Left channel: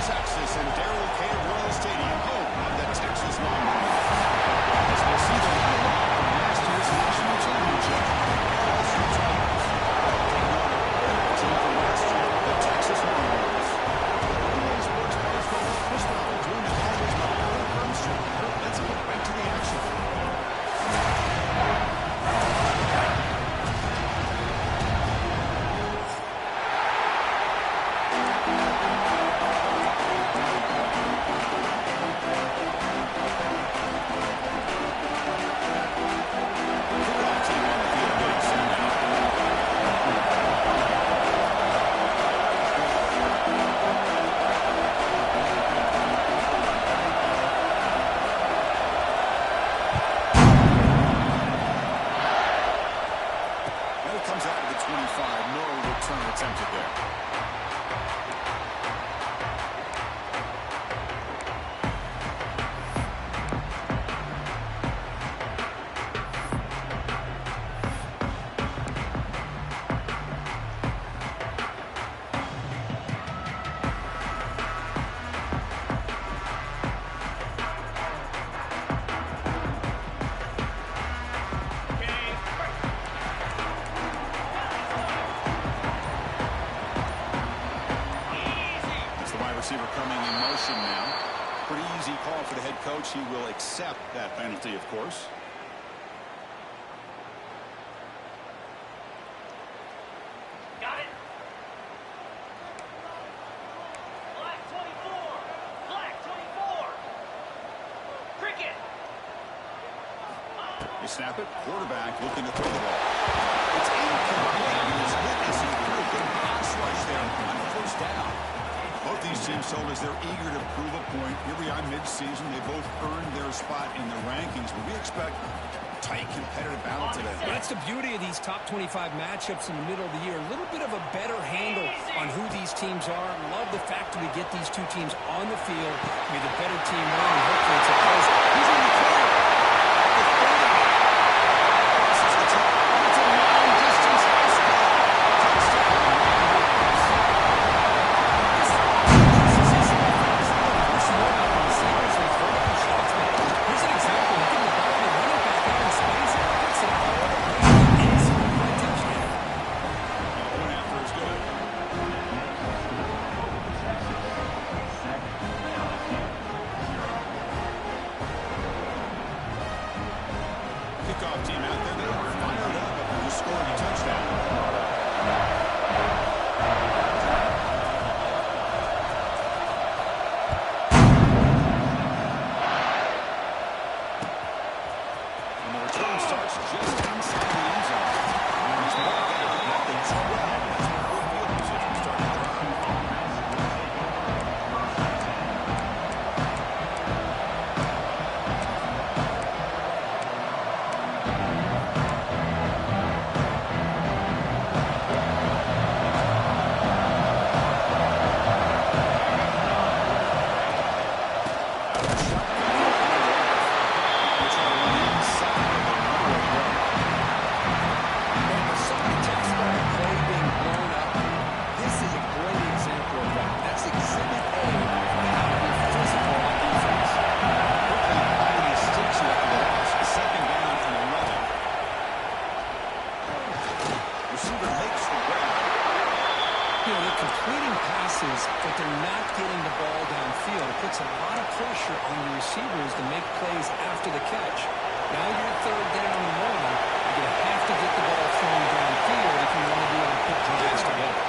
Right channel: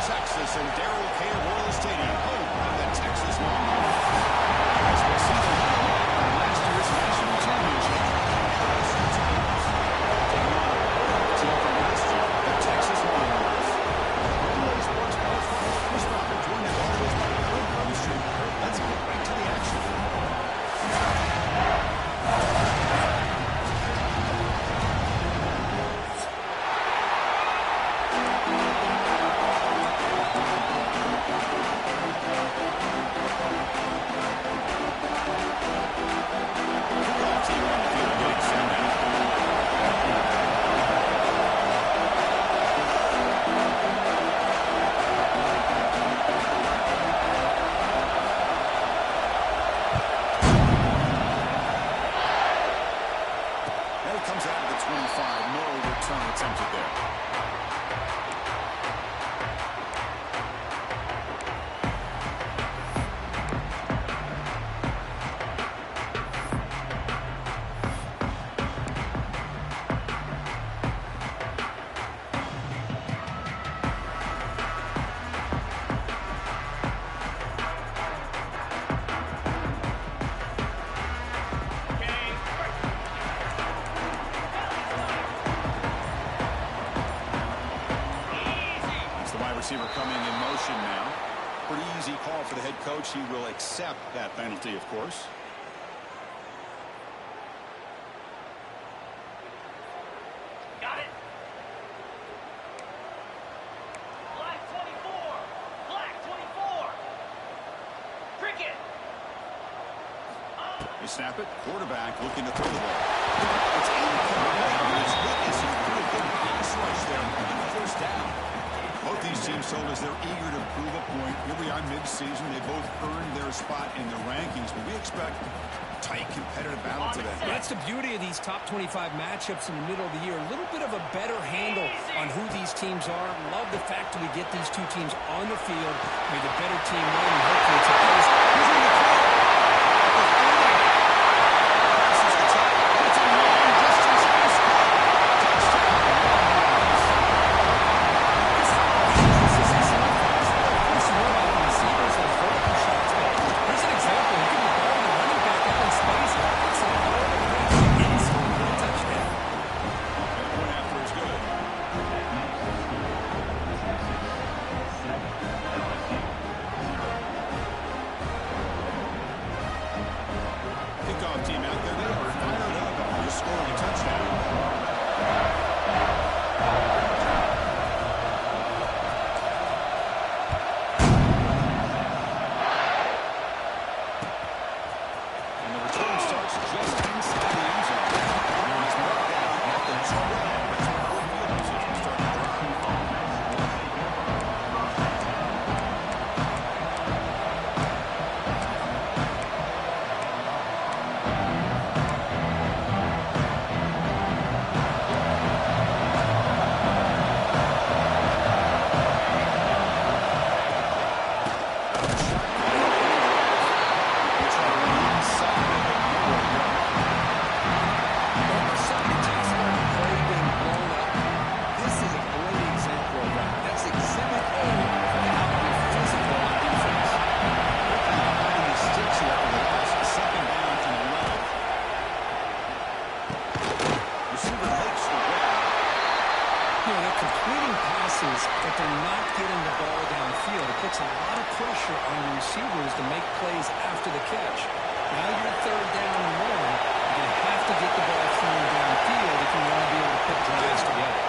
Texas and Darrell K. Royal Stadium, home of the Texas Longhorns. As we'll see the runner-up from last year's national championship, LSU Tigers, taking on a playoff team from last year, the Texas Longhorns. EA Sports College Football Chris Robert, joined as always by Kurt Hermstreet. Kurt, let's get right to the action. Comes out of the 25. No return attempted there. Receiver coming in motion now. Pretty easy call for the head coach. He will accept that penalty, of course. Got it. Black 24. Black 24. Cricket. They snap it. Quarterback looking to throw the ball. It's incomplete. He was hit as he threw a good pass rush there on first down. Both these teams told us they're eager to prove a point. Here we are mid-season. They both earned their spot in the rankings, but we expect a tight, competitive battle today. That's the beauty of these top 25 matchups in the middle of the year. A little bit of a better handle on who these teams are. Love the fact that we get these two teams on the field. May the better team win, and hopefully it's a close. Who's in the clear? At the 30. Passes the top. It's a long-distance high school. Touchdown. Here's an example. He can the ball to the running back out in space. Gets it all the way to the end zone for a touchdown. And the point after is good. Kickoff team out there. They are fired up after just scoring a touchdown. But they're not getting the ball downfield. It puts a lot of pressure on your receivers to make plays after the catch. Now you're third down and one. You're going to have to get the ball thrown downfield if you want to be able to put drives together.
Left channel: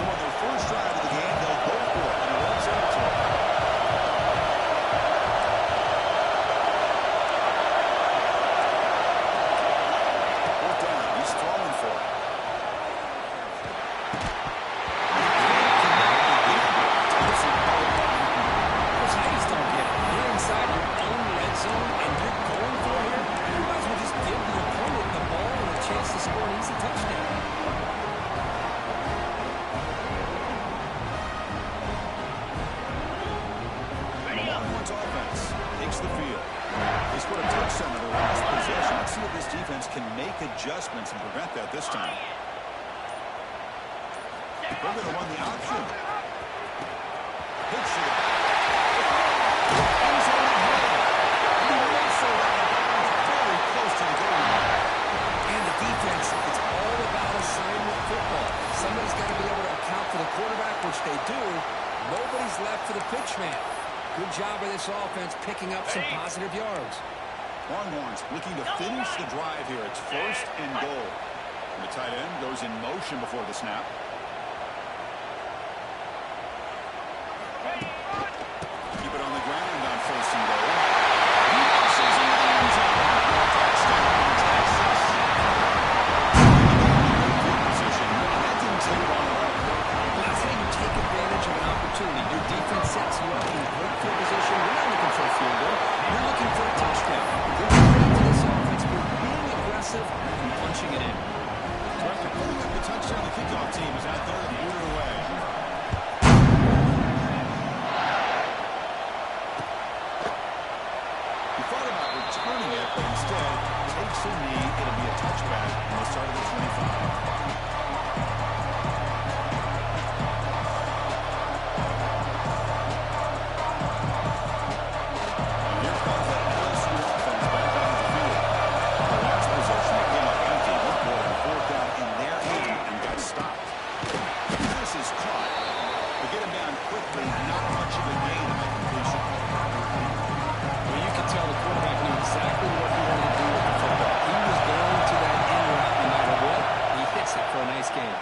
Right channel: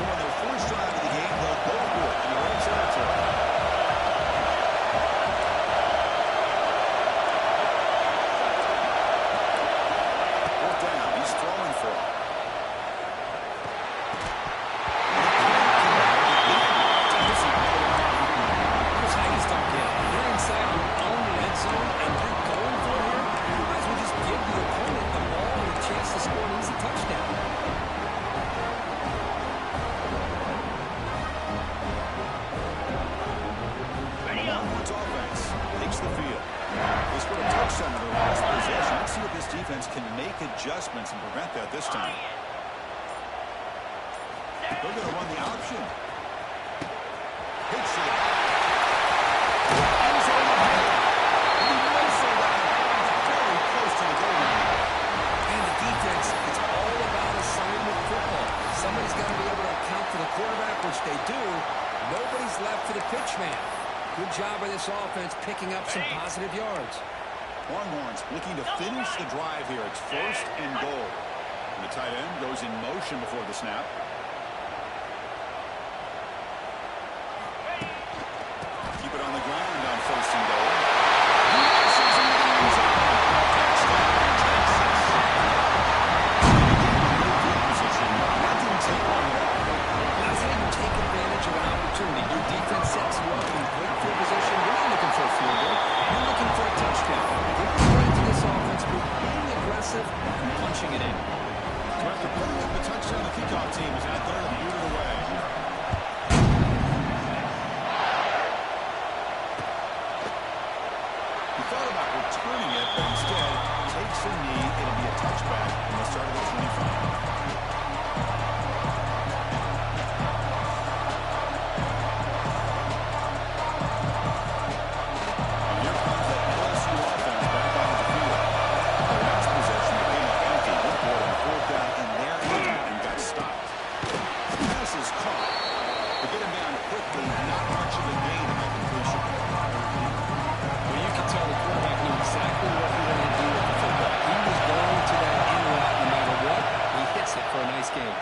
So on their first drive of the game, they'll go for it. And Longhorns offense takes the field. They scored a touchdown in their last possession. Let's see if this defense can make adjustments and prevent that this time. They're going to run the option. Pitch to the back. End zone ahead. And he whistled out of bounds very close to the goal line. And the defense, it's all about assignment football. Somebody's got to be able to account for the quarterback, which they do. Nobody's left for the pitch man. Good job by this offense picking up some positive yards. Longhorns looking to finish the drive here. It's 1st and goal. And the tight end goes in motion before the snap. Keep it on the ground on 1st and goal. He misses into the end zone. Touchdown, Texas. Position. That didn't take long at all. That's how you take advantage of an opportunity. Your defense sets you up in great field position. You're not looking for a field goal. You're looking for a touchdown. Give credit to this offense for being aggressive and punching it in. So after putting up the touchdown, the kickoff team is out there to boot it away. He thought about returning it, but instead takes a knee. It'll be a touchback on the start of the 25. For a nice game.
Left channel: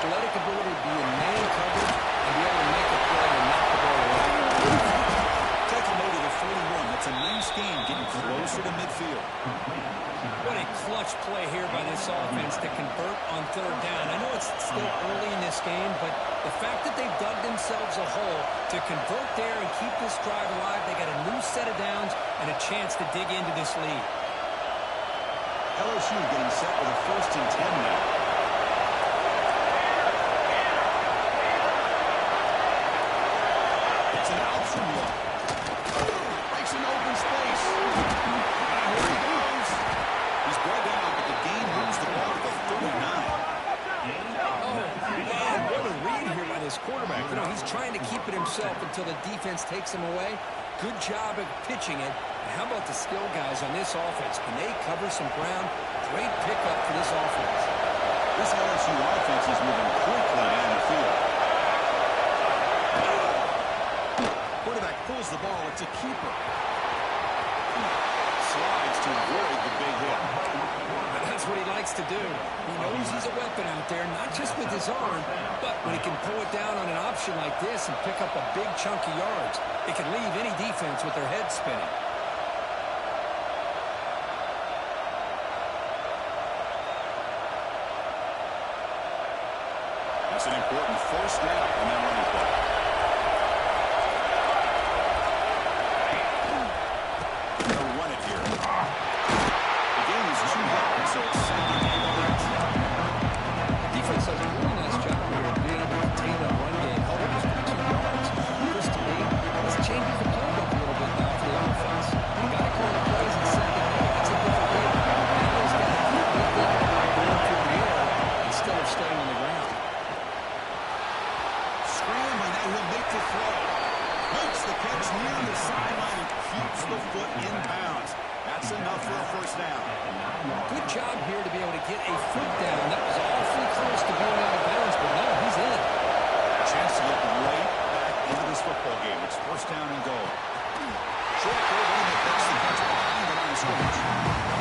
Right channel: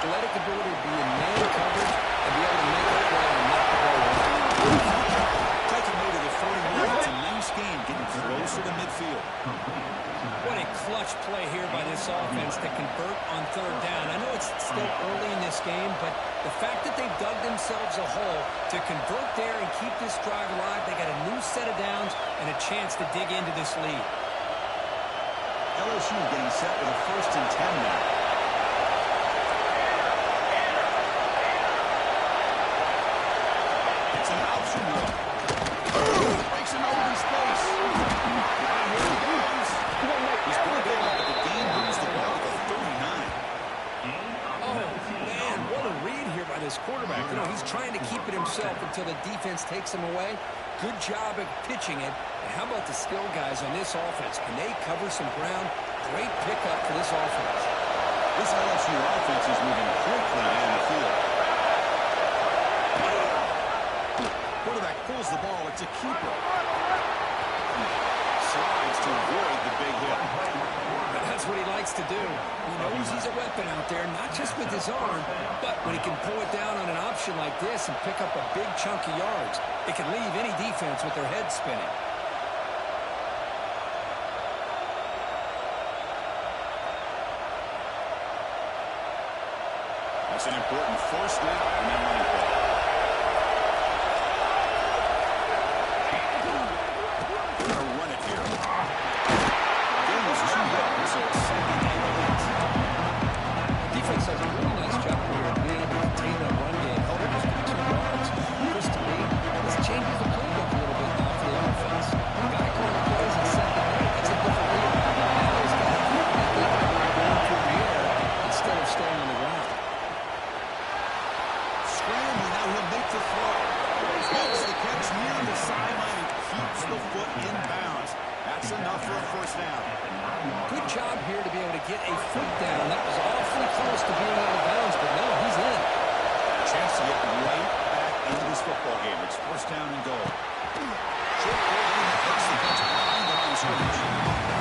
Athletic ability to be in man coverage and be able to make a play and knock the ball away. Tackle made it at 41. It's a nice game, getting closer to midfield. What a clutch play here by this offense to convert on 3rd down. I know it's still early in this game, but the fact that they've dug themselves a hole to convert there and keep this drive alive, they got a new set of downs and a chance to dig into this lead. LSU getting set with a 1st and 10 now. It's an option look. Breaks an open space. And here he goes. He's brought down, but the game moves the ball to the 39. Oh, man, what a read here by this quarterback. You know, he's trying to keep it himself until the defense takes him away. Good job at pitching it. And how about the skill guys on this offense? Can they cover some ground? Great pickup for this offense. This LSU offense is moving quickly down the field. Quarterback pulls the ball. It's a keeper. Slides to avoid the big hit. That's what he likes to do. He knows he's a weapon out there, not just with his arm, but when he can pull it down on an option like this and pick up a big chunk of yards, it can leave any defense with their head spinning. That's an important 1st down on that running play. So it's 2nd and 8. Defense does a really nice job here of being able to contain that run game, help it just for 2 yards. Chris, to me, this changes the playbook a little bit now for the offense. The guy calling the plays in 2nd and 8, that's a different deal. Now he's got to keep thinking about going through the air instead of staying on the ground. Scrambling, now he'll make the throw. Makes the catch near the sideline and keeps the foot in bounds. That's enough for a 1st down. Good job here to be able to get a foot down. That was awfully close to being out of bounds, but no, he's in. A chance to get right back into this football game. It's 1st down and goal. Short goal running that makes the catch behind the line of scrimmage.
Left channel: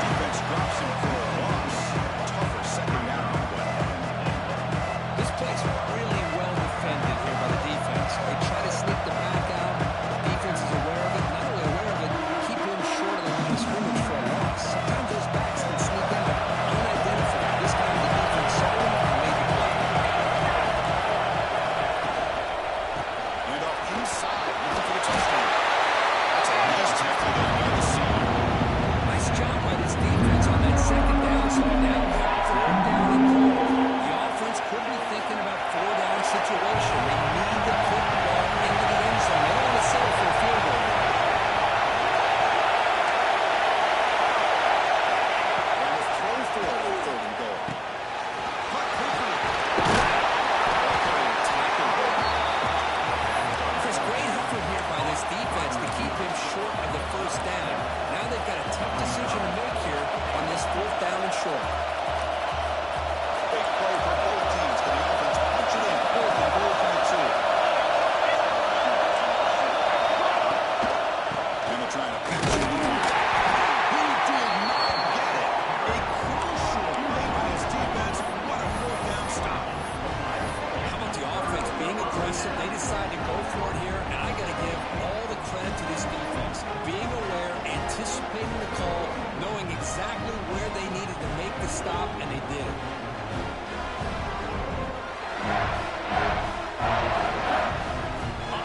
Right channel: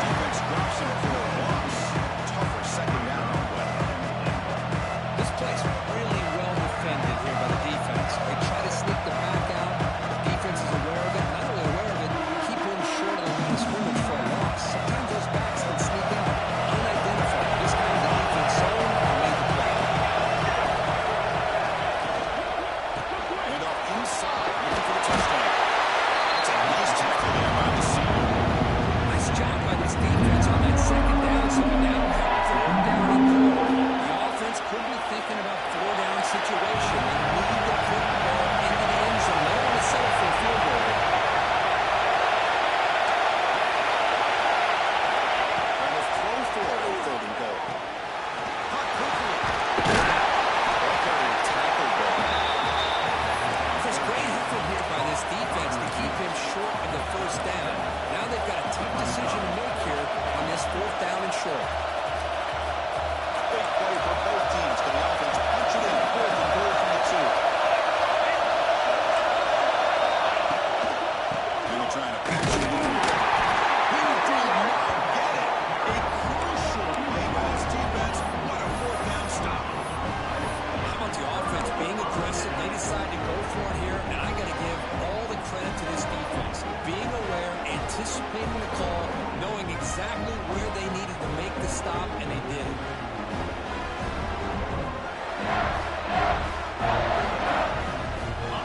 Defense drops him for a loss. Tougher 2nd down on the way. This play's really well defended here by the defense. They try to sneak the back out. The defense is aware of it. Not only aware of it, keep him short of the line of scrimmage for a loss. Sometimes those backs can sneak out unidentified. This time the defense saw him and made the play. And off side, looking for the touchdown. That's a nice tackle there by the senior. Nice job by this defense on that second down, so we now have third down and goal. The offense could be thinking about four-down situation. They need to put the ball into the end zone. They don't want to settle for a field goal. And a throw for a third and goal. Caught quickly. Ball carrier tackled there. Chris, great effort here by this defense to keep him short of the first down. Now they've got a tough decision to make here on this fourth down and short. Big play for both teams. Can the offense punch it in? Fourth and goal from the 2. Kendall trying to patch it in here. He did not get it. A crucial play by his defense. What a fourth down stop. How about the offense being aggressive? They decide to go for it here, and I got to give all the credit to this defense. Being aware, anticipating the call, knowing exactly where they needed to make the stop, and they did it.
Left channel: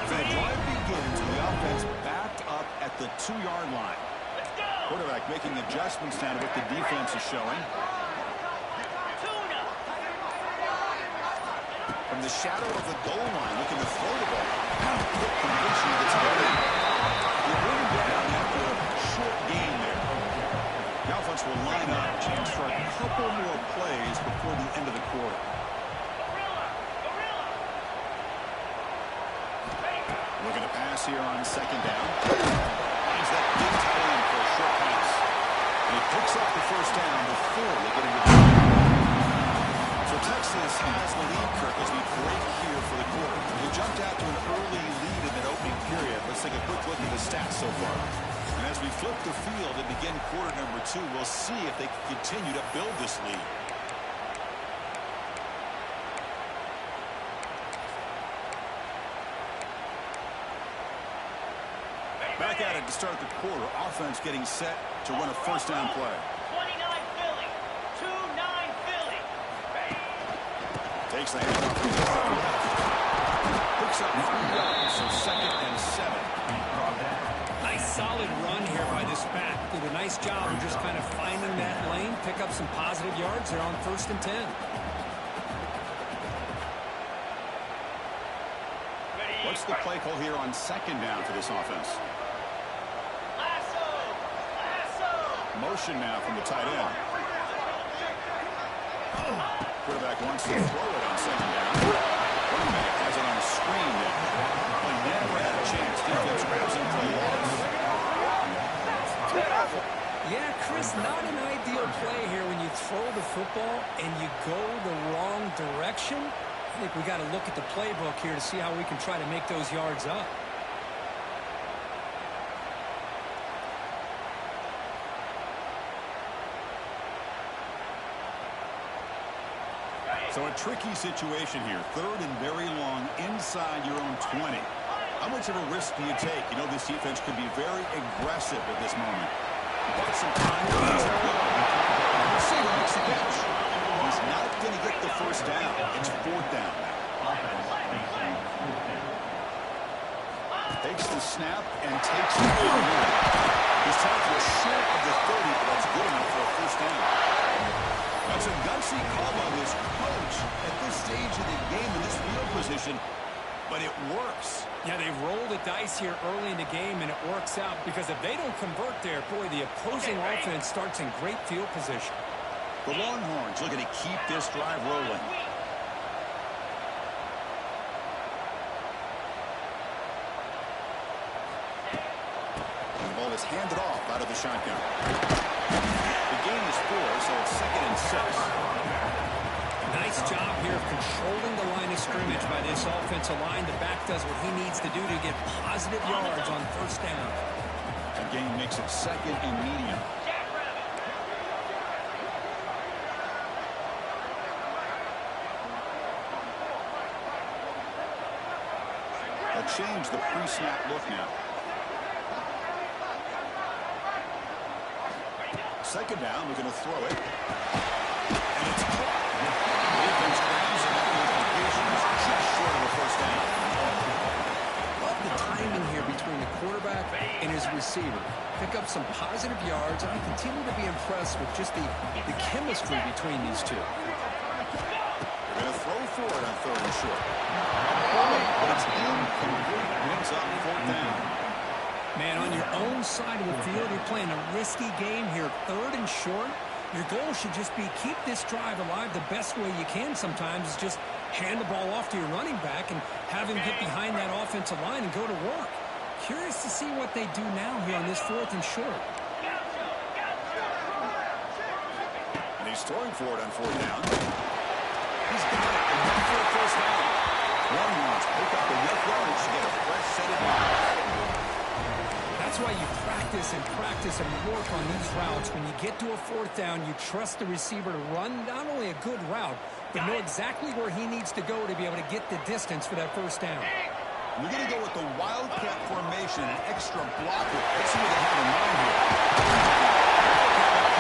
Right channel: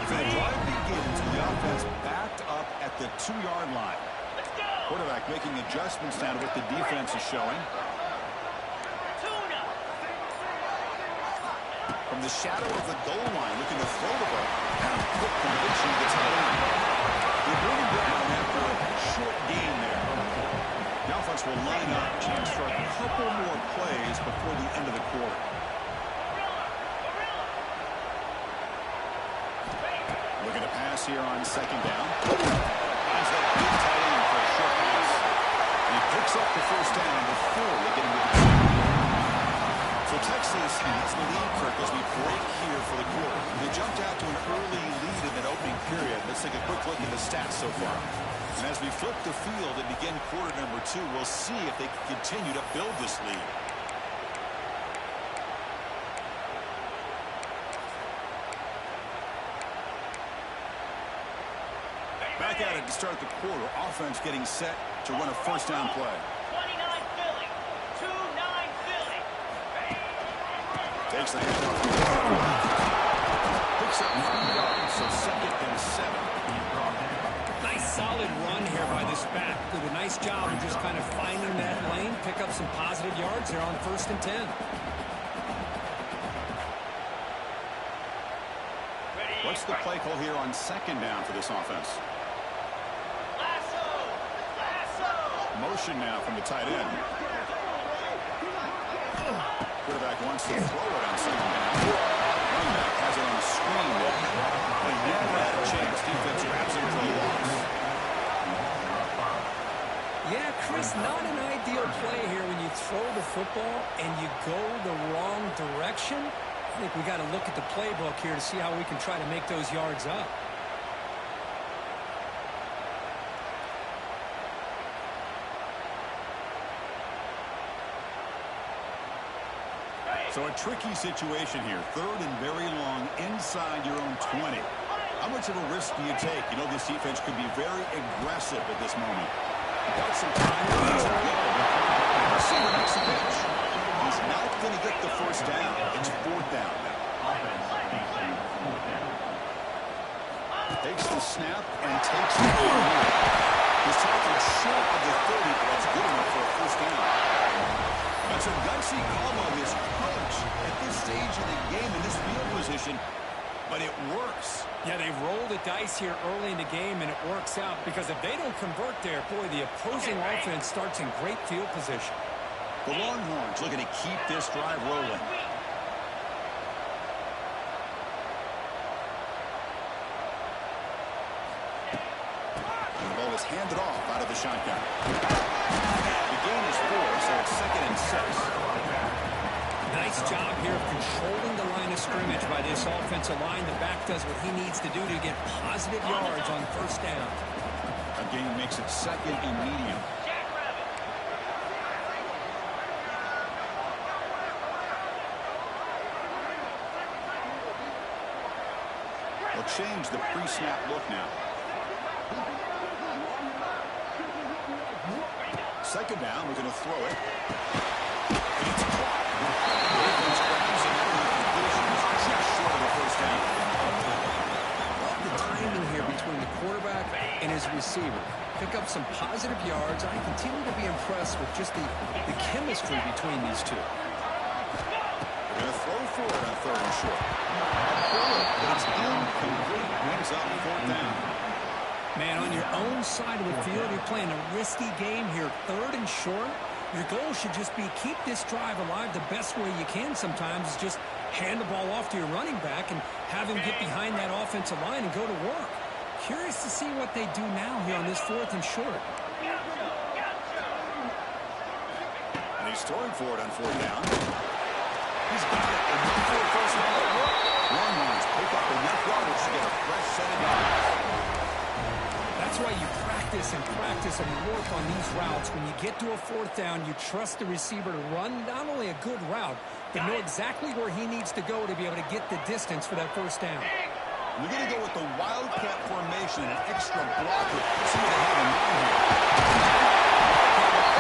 The drive begins with the offense backed up at the 2-yard line. Let's go. Quarterback making adjustments now to what the defense is showing. Tuna. From the shadow of the goal line, looking to throw the ball. Quick conviction gets held in. You bring him down after a short gain there. The offense will line up, chance for a couple more plays before the end of the quarter. Looking to pass here on second down. Finds that big tight end for a short pass. And he picks up the first down before they get into the field. So Texas has the lead, Kirk, as we break here for the quarter. They jumped out to an early lead in that opening period. Let's take a quick look at the stats so far. And as we flip the field and begin quarter number 2, we'll see if they can continue to build this lead. Back at it to start the quarter. Offense getting set to run a first down play. 29 Philly. 2-9 Philly. Takes the handoff. Picks up 3 yards, so second and 7. Nice solid run here by this back. Did a nice job of just kind of finding that lane, pick up some positive yards. They're on first and 10. What's the play call here on second down for this offense? Motion now from the tight end. Quarterback wants to throw it on second down. Running back has it on a screen there. Well, he never had a chance. Defense grabs him for a loss. Yeah, Chris, not an ideal play here when you throw the football and you go the wrong direction. I think we got to look at the playbook here to see how we can try to make those yards up. So a tricky situation here. Third and very long inside your own 20. How much of a risk do you take? You know this defense could be very aggressive at this moment. Got some time to go. Receiver makes a pitch. He's not going to get the first down. It's fourth down now. Takes the snap and takes it forward. His tackle is short of the 30, but that's good enough for a first down. That's a gutsy call by this coach at this stage of the game in this field position, but it works. Yeah, they roll the dice here early in the game, and it works out because if they don't convert there, boy, the opposing offense starts in great field position. The Longhorns looking to keep this drive rolling. And the ball is handed off out of the shotgun. The gain is 4, so it's second and 6. Nice job here of controlling the line of scrimmage by this offensive line. The back does what he needs to do to get positive yards on first down. A gain makes it second and medium. They'll change the pre-snap look now. Second down, we're going to throw it. And it's caught. Defense grabs it, and the completion is just short of a first down. Love the timing here between the quarterback and his receiver. Pick up some positive yards, and I continue to be impressed with just the chemistry between these two. They're going to throw for it on 3rd and short. A bullet, but it's incomplete. Brings up 4th down. Man, on your own side of the field, you're playing a risky game here. 3rd and short. Your goal should just be keep this drive alive the best way you can sometimes is just hand the ball off to your running back and have him get behind that offensive line and go to work. Curious to see what they do now here on this 4th and short. And he's throwing for it on 4th down. He's got it. Enough for the 1st down. Longhorns pick up enough yardage to get a fresh set of downs. That's why you practice and work on these routes. When you get to a 4th down, you trust the receiver to run not only a good route, but know exactly where he needs to go to be able to get the distance for that 1st down. We're going to go with the Wildcat formation, an extra blocker. Let's see what they have in mind here.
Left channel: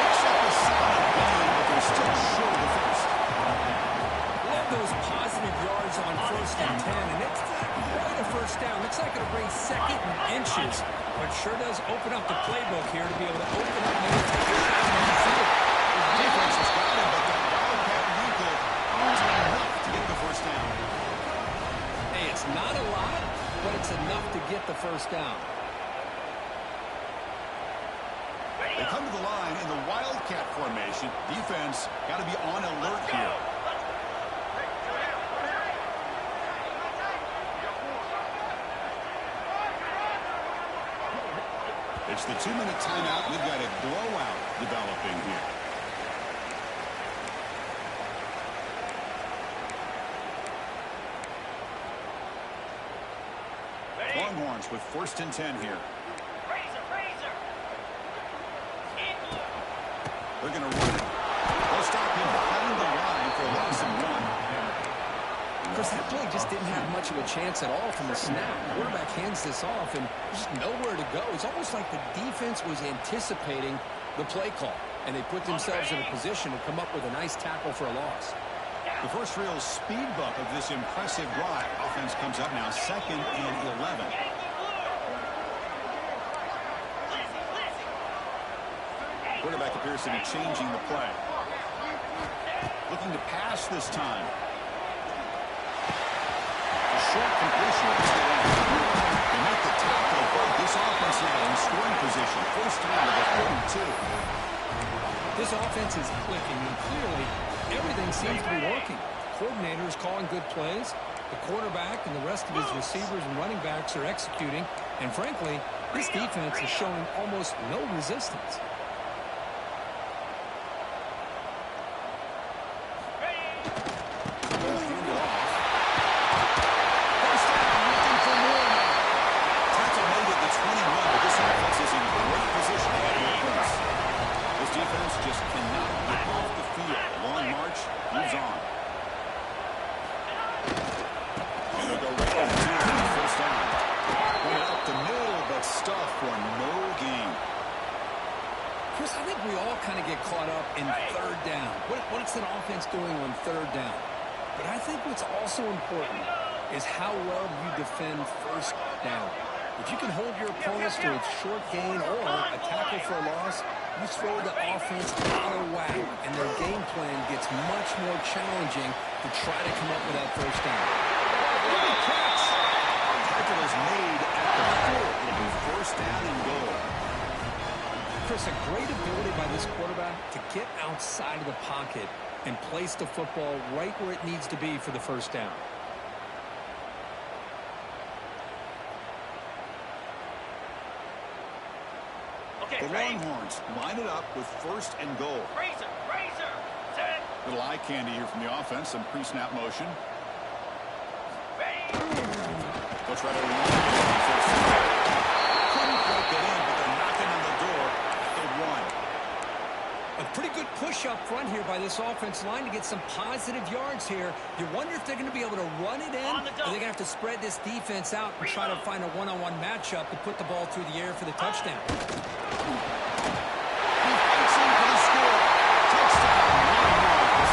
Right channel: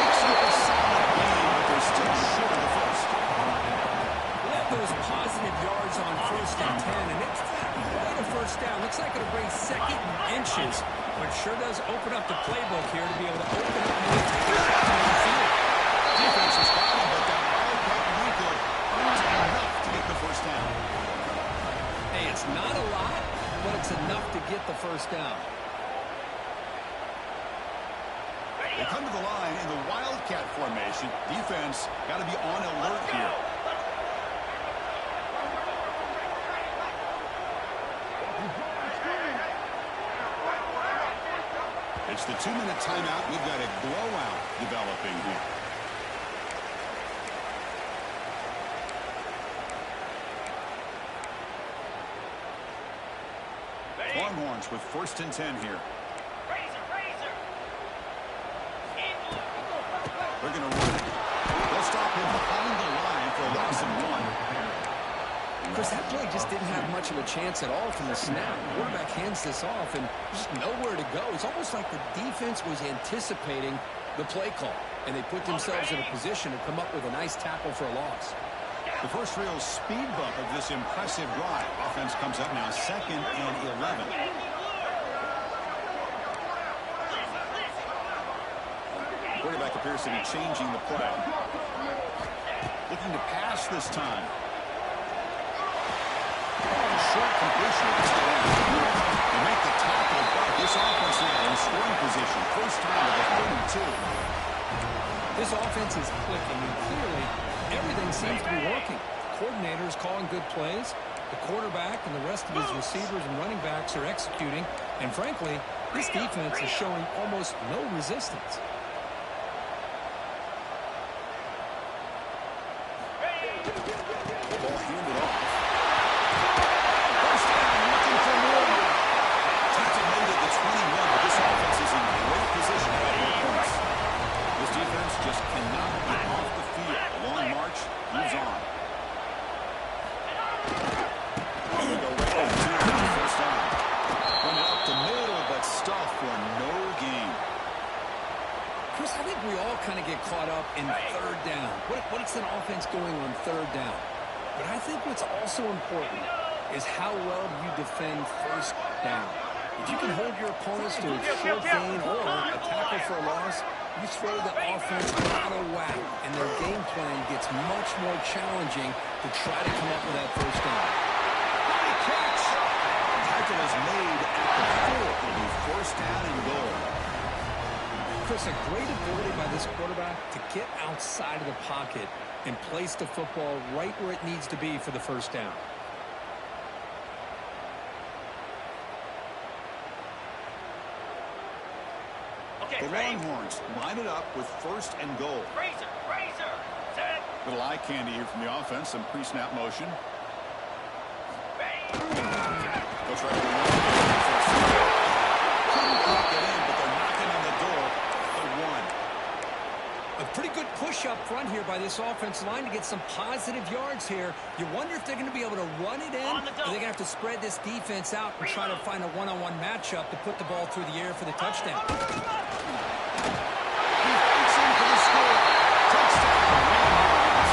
Picks up a solid gain, but they're still short of the 1st. Love those positive yards on 1st and 10, and it's not quite a 1st down. Looks like it'll bring 2nd and inches, but sure does open up the playbook here to be able to open up and take a shot down the field. Defense has got him, but that Wildcat wrinkle earns enough to get the 1st down. Hey, it's not a lot, but it's enough to get the 1st down. They come to the line in the Wildcat formation. Defense got to be on alert here. It's the 2-minute timeout. We've got a blowout developing here. Longhorns with 1st and 10 here. They're going to run it. They'll stop him behind the line for a loss of 1. Chris, that play just didn't have much of a chance at all from the snap. The quarterback hands this off and just nowhere to go. It's almost like the defense was anticipating the play call, and they put themselves in a position to come up with a nice tackle for a loss. The first real speed bump of this impressive drive. Offense comes up now 2nd and 11. Quarterback appears to be changing the play. Looking to pass this time. A short completion of the end. They make the tackle, but this offense now in scoring position. 1st down to the 42. This offense is clicking, and clearly everything seems to be working. The coordinator is calling good plays. The quarterback and the rest of his receivers and running backs are executing. And frankly, this defense is showing almost no resistance. Ball handed off. 1st down, looking for more now. Tackle made at the 21, but this offense is in great position to have more points. This defense just cannot get off the field. A long march moves on. And they'll go right into the 1st down. Run it up the middle, but stuff for no gain. Chris, I think we all kind of get caught up in 3rd down. What's an offense doing on 3rd down? But I think what's also important is how well you defend 1st down. If you can hold your opponents to a short gain or a tackle for a loss, you throw the offense out of whack, and their game plan gets much more challenging to try to come up with that 1st down. Great catch. Tackle is made at the 4. It'll be 1st down and goal. Chris, a great ability by this quarterback to get outside of the pocket and place the football right where it needs to be for the 1st down. The Longhorns line it up with 1st and goal. Set. Little eye candy here from the offense. Some pre-snap motion. They'll try to run it in first. Couldn't quite get in, but they're knocking on the door at the 1. A pretty good push up front here by this offensive line to get some positive yards here. You wonder if they're going to be able to run it in, or they're going to have to spread this defense out and try to find a one-on-one matchup to put the ball through the air for the touchdown. He fights in for the score. Touchdown, Longhorns.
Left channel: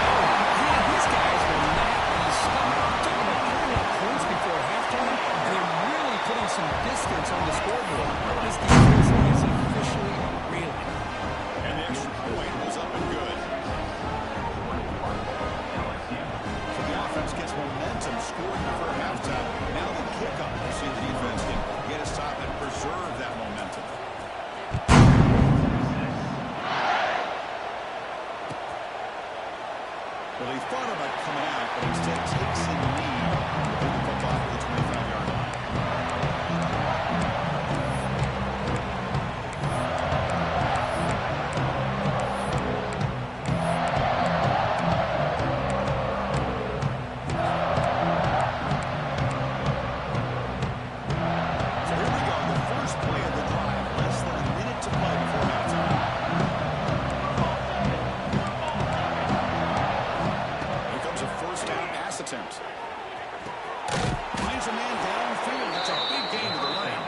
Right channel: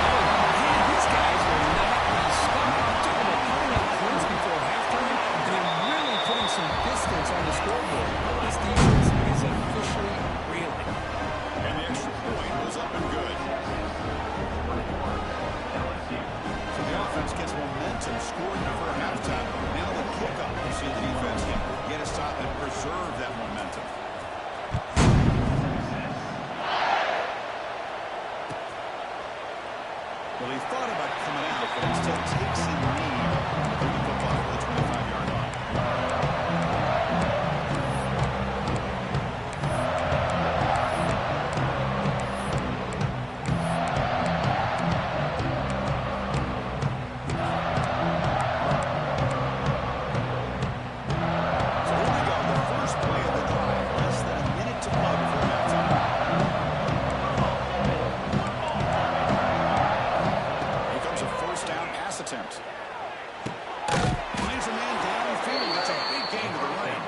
Oh, man, these guys will not be stopped. We're talking about putting up points before halftime, and then really some distance on the scoreboard. This defense is officially reeling. And the extra point was up and good. So the offense gets momentum scoring before halftime. Now the kickoff. You see the defense can get a stop and preserve that momentum. Well, he thought about coming out, but instead takes in lead to bring the football to the 25-yard line. So here we go, the first play of the drive. Less than a minute to play before halftime. A first down pass attempt. Finds a man downfield. It's a big gain to the right.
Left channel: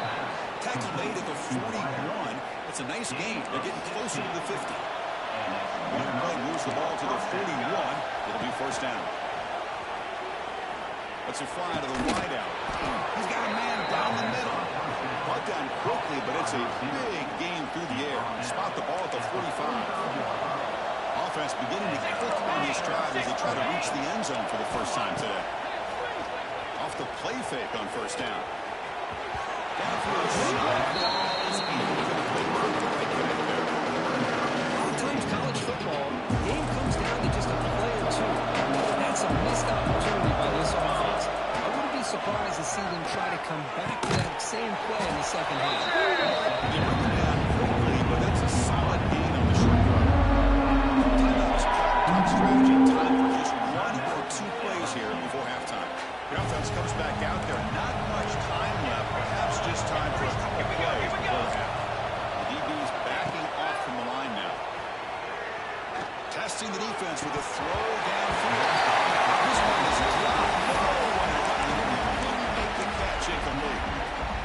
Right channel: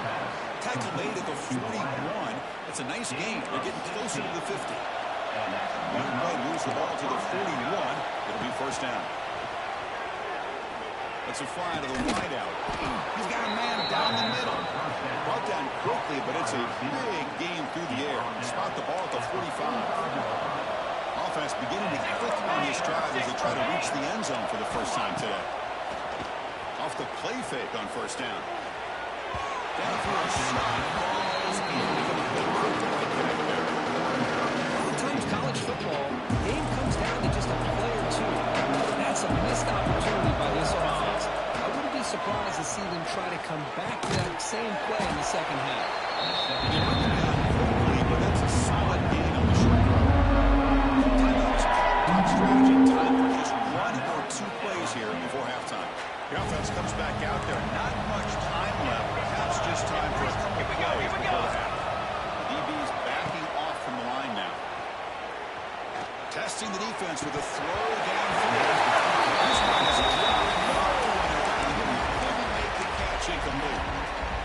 Tackle made at the 41. It's a nice gain. They're getting closer to the 50. One play moves the ball to the 41. It'll be first down. Let's it fly to the wideout. He's got a man down the middle. Brought down quickly, but it's a big gain through the air. Spot the ball at the 45. Offense beginning to click on this drive as they try to reach the end zone for the first time today. Off the play fake on first down. Downfield shot falls incomplete. The right guy there. A lot of times college football, the game comes down to just a play or two. That's a missed opportunity by this offense. I wouldn't be surprised to see them try to come back to that same play in the second half. They run it down quickly, but that's a solid gain on the short run. Top strategy, time for just one or two plays here before halftime. The offense comes back out there. Not much time left. Perhaps just time for a couple plays before the half. The DB's backing off from the line now. Testing the defense with a throw downfield. This one is dropped low and couldn't make the catch incomplete.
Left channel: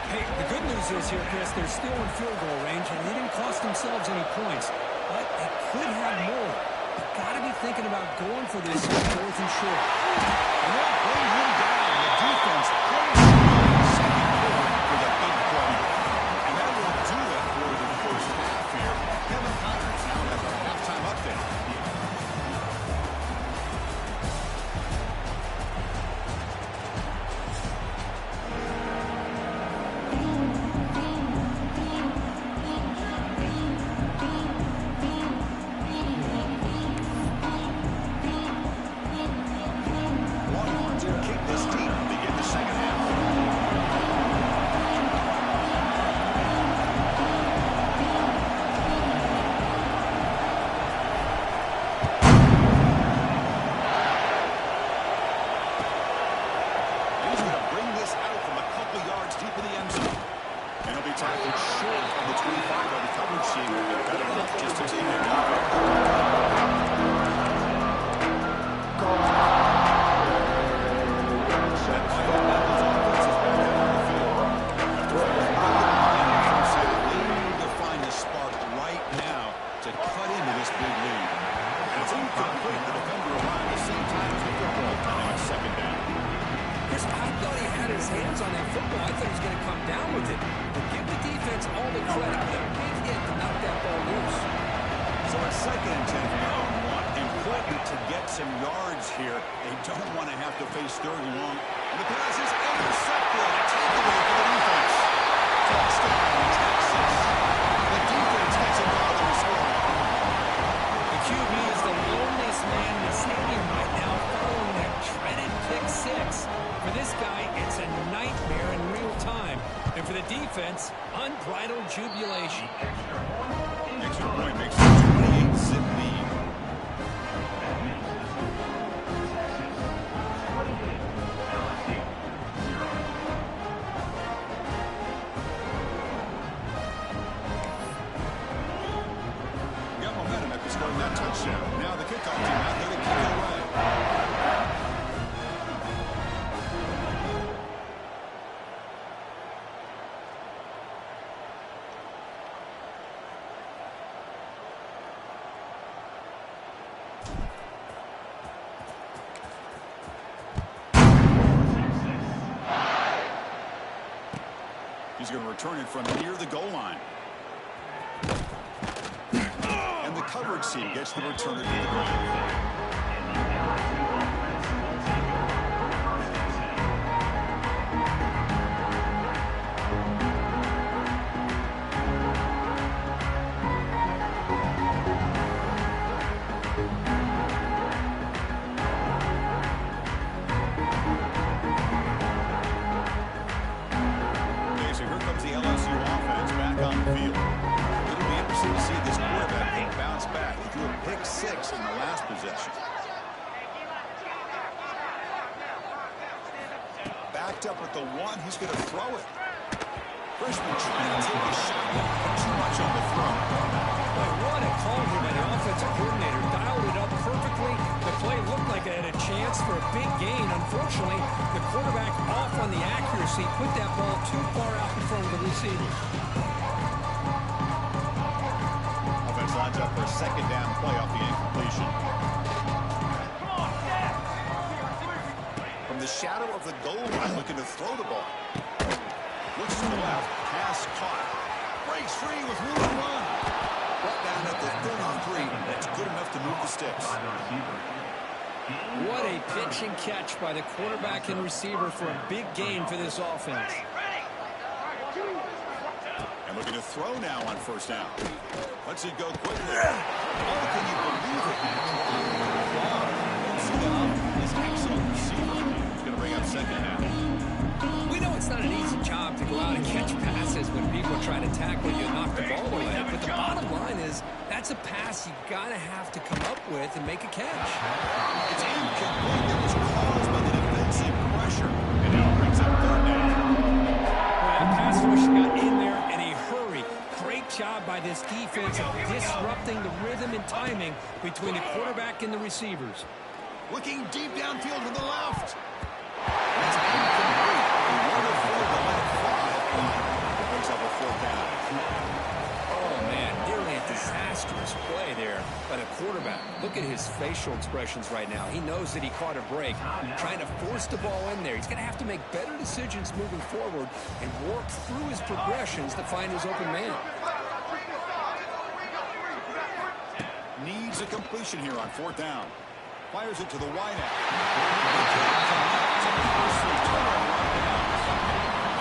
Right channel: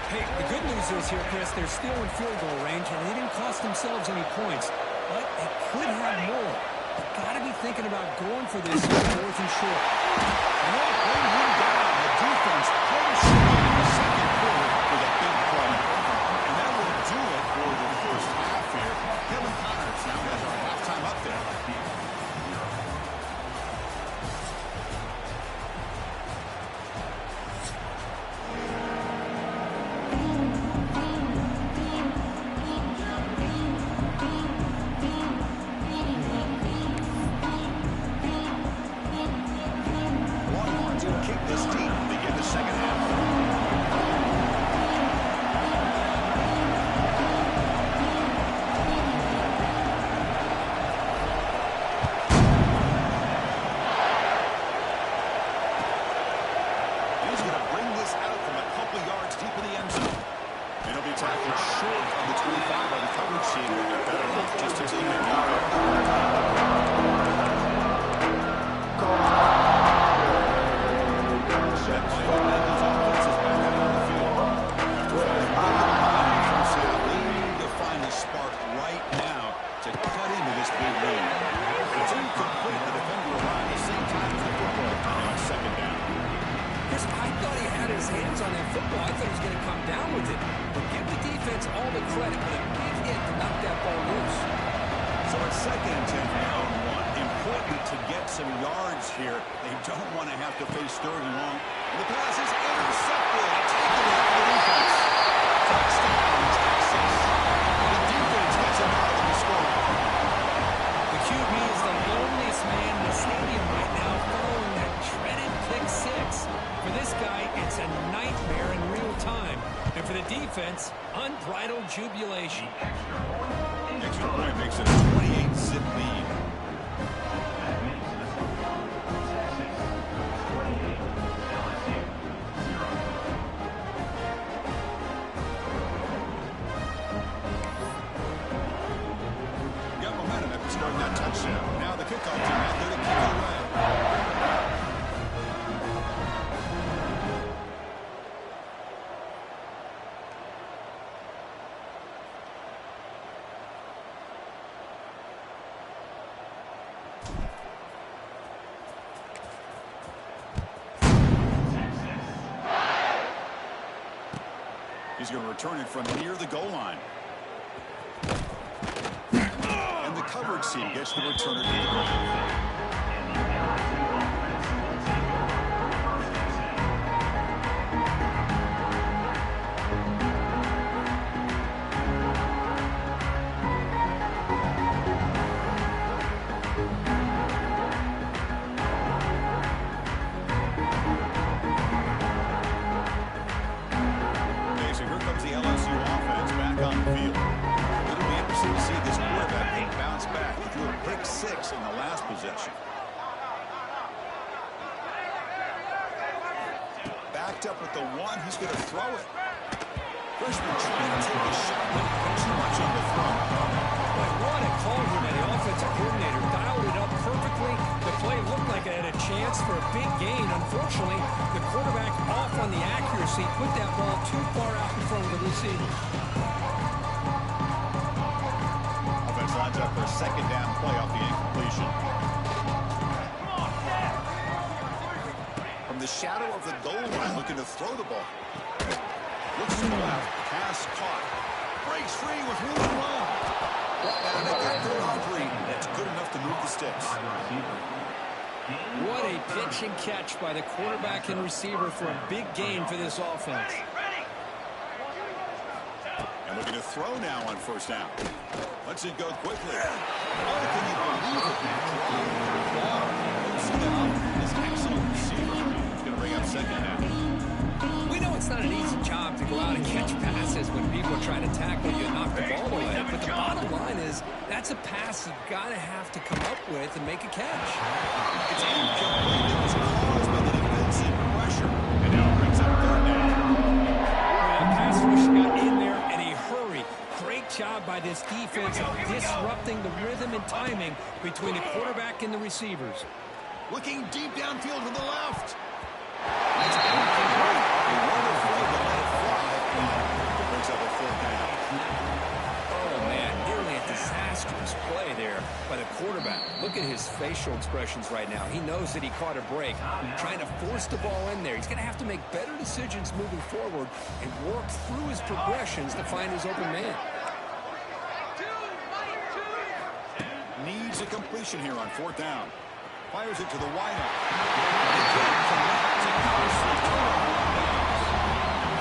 Hey, the good news is here, Chris, they're still in field goal range, and they didn't cost themselves any points. But they could have more. They've got to be thinking about going for this fourth and short. And they'll bring him down. The defense comes through in the second quarter with a big play. And that will do it for the first half here. Kevin Connors now has our halftime update. Tackled short of the 25 by the coverage team. Will be better off just to take it down. That Michael Mendel's offense is back out on the field. After fighting the first half, they need to find the spark right now to cut into this big lead. And it's incomplete. The defender arrived at the same time as the football. And now it's second down. Chris, I thought he had his hands on that football. I thought he was going to come down with it. But give the defense all the credit with a big hit to knock that ball loose. So it's second and 10 from their own one. Important to get some yards here. They don't want to have to face third and long. And the pass is intercepted. A takeaway for the defense. Touchdown, Texas. The defense gets involved in the scoring. The QB is the loneliest man in the stadium right now following that dreaded pick six. For this guy, it's a nightmare in real time. And for the defense, unbridled jubilation. Extra point makes it a 28-zip lead. That makes the score Texas 28, LSU 0. Got momentum after scoring that touchdown. Now the kickoff team out there to kick it away. He's going to return it from near the goal line. And the coverage team gets the returner to the goal. In the last possession. Backed up at the 1, he's going to throw it. Freshman trying to take a shot, but too much on the throw. Boy, what a call here by the offensive coordinator. Dialed it up perfectly. The play looked like it had a chance for a big gain. Unfortunately, the quarterback off on the accuracy, put that ball too far out in front of the receiver. Lines up for a second down play off the incompletion. From the shadow of the goal line, looking to throw the ball. Looks to the left, pass caught. Breaks free with room to run. Brought down at the 33. That's good enough to move the sticks. What a pitch and catch by the quarterback and receiver for a big gain for this offense. And looking to throw now on first down. Lets it go quickly. Oh, can you believe it? Don't see that often. This excellent receiver is going to bring up second down. We know it's not an easy job to go out and catch passes when people are trying to tackle you and knock the ball away. But the bottom line is that's a pass you got to have to come up with and make a catch. It's incomplete. It was caused by the defensive pressure. And now it brings up third down. Well, pass rush got in there in a hurry. Great job by this defense of disrupting the rhythm and timing between the quarterback and the receivers. Looking deep downfield to the left. That's incomplete. They weren't afraid to let it fly. It brings up a fourth down. Oh, man, nearly a disastrous play there by the quarterback. Look at his facial expressions right now. He knows that he caught a break, trying to force the ball in there. He's going to have to make better decisions moving forward and work through his progressions to find his open man. Needs a completion here on fourth down. Fires it to the wideout. They can't connect to costly turnover on downs.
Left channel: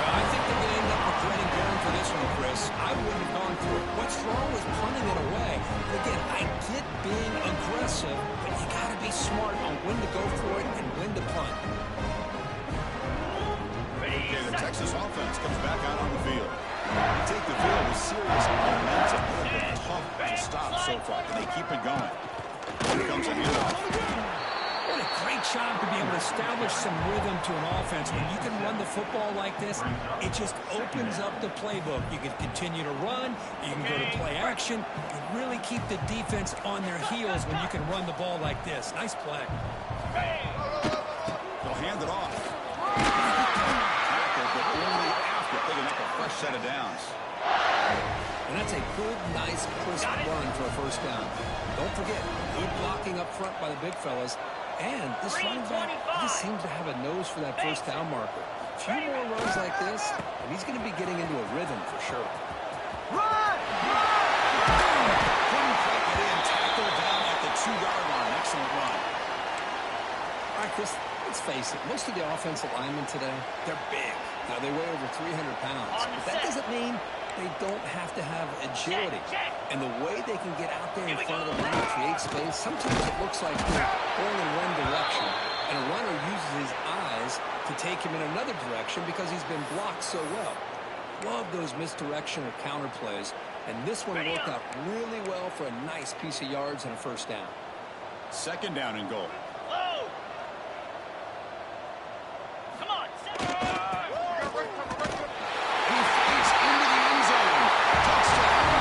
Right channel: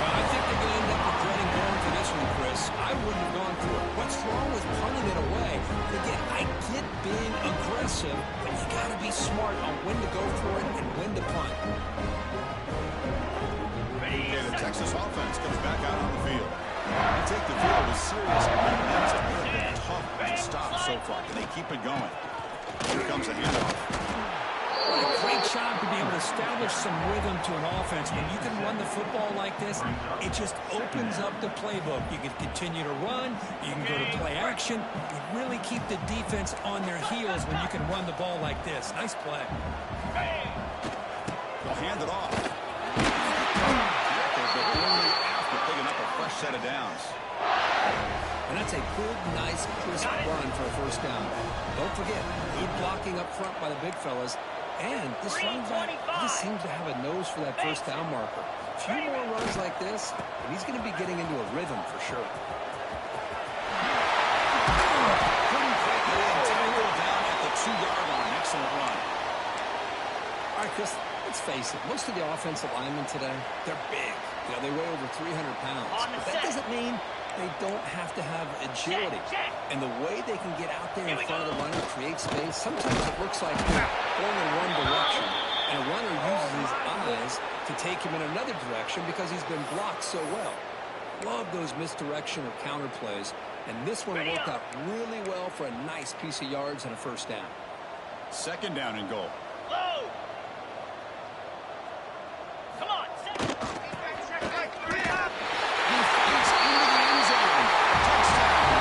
I think they're going to end up regretting going for this one, Chris. I wouldn't have gone for it. What's wrong with punting it away? Again, I get being aggressive, but you got to be smart on when to go for it and when to punt. Okay, the Texas offense comes back out on the field. They take the field with serious momentum. They have been tough to stop so far. Can they keep it going? Here comes a handoff. What a great job to be able to establish some rhythm to an offense. When you can run the football like this, it just opens up the playbook. You can continue to run. You can go to play action. You can really keep the defense on their heels when you can run the ball like this. Nice play. They'll hand it off. Tackle, but only after picking up a fresh set of downs. And that's a good, nice, crisp run for a first down. Don't forget, good blocking up front by the big fellas. And this running back just seems to have a nose for that first down marker. A few more runs like this, and he's going to be getting into a rhythm for sure. Couldn't quite get in. Tackled down at the 2-yard line. Excellent run. All right, Chris, let's face it. Most of the offensive linemen today, they're big. You know, they weigh over 300 pounds. But that doesn't mean they don't have to have agility. And the way they can get out there in front of the line and create space, sometimes it looks like they're going in one direction. And a runner uses his eyes to take him in another direction because he's been blocked so well. Love those misdirection or counter plays. And this one worked out really well for a nice piece of yards and a first down. Second down and goal. Low. Come on. He fights into the end zone. Touchdown.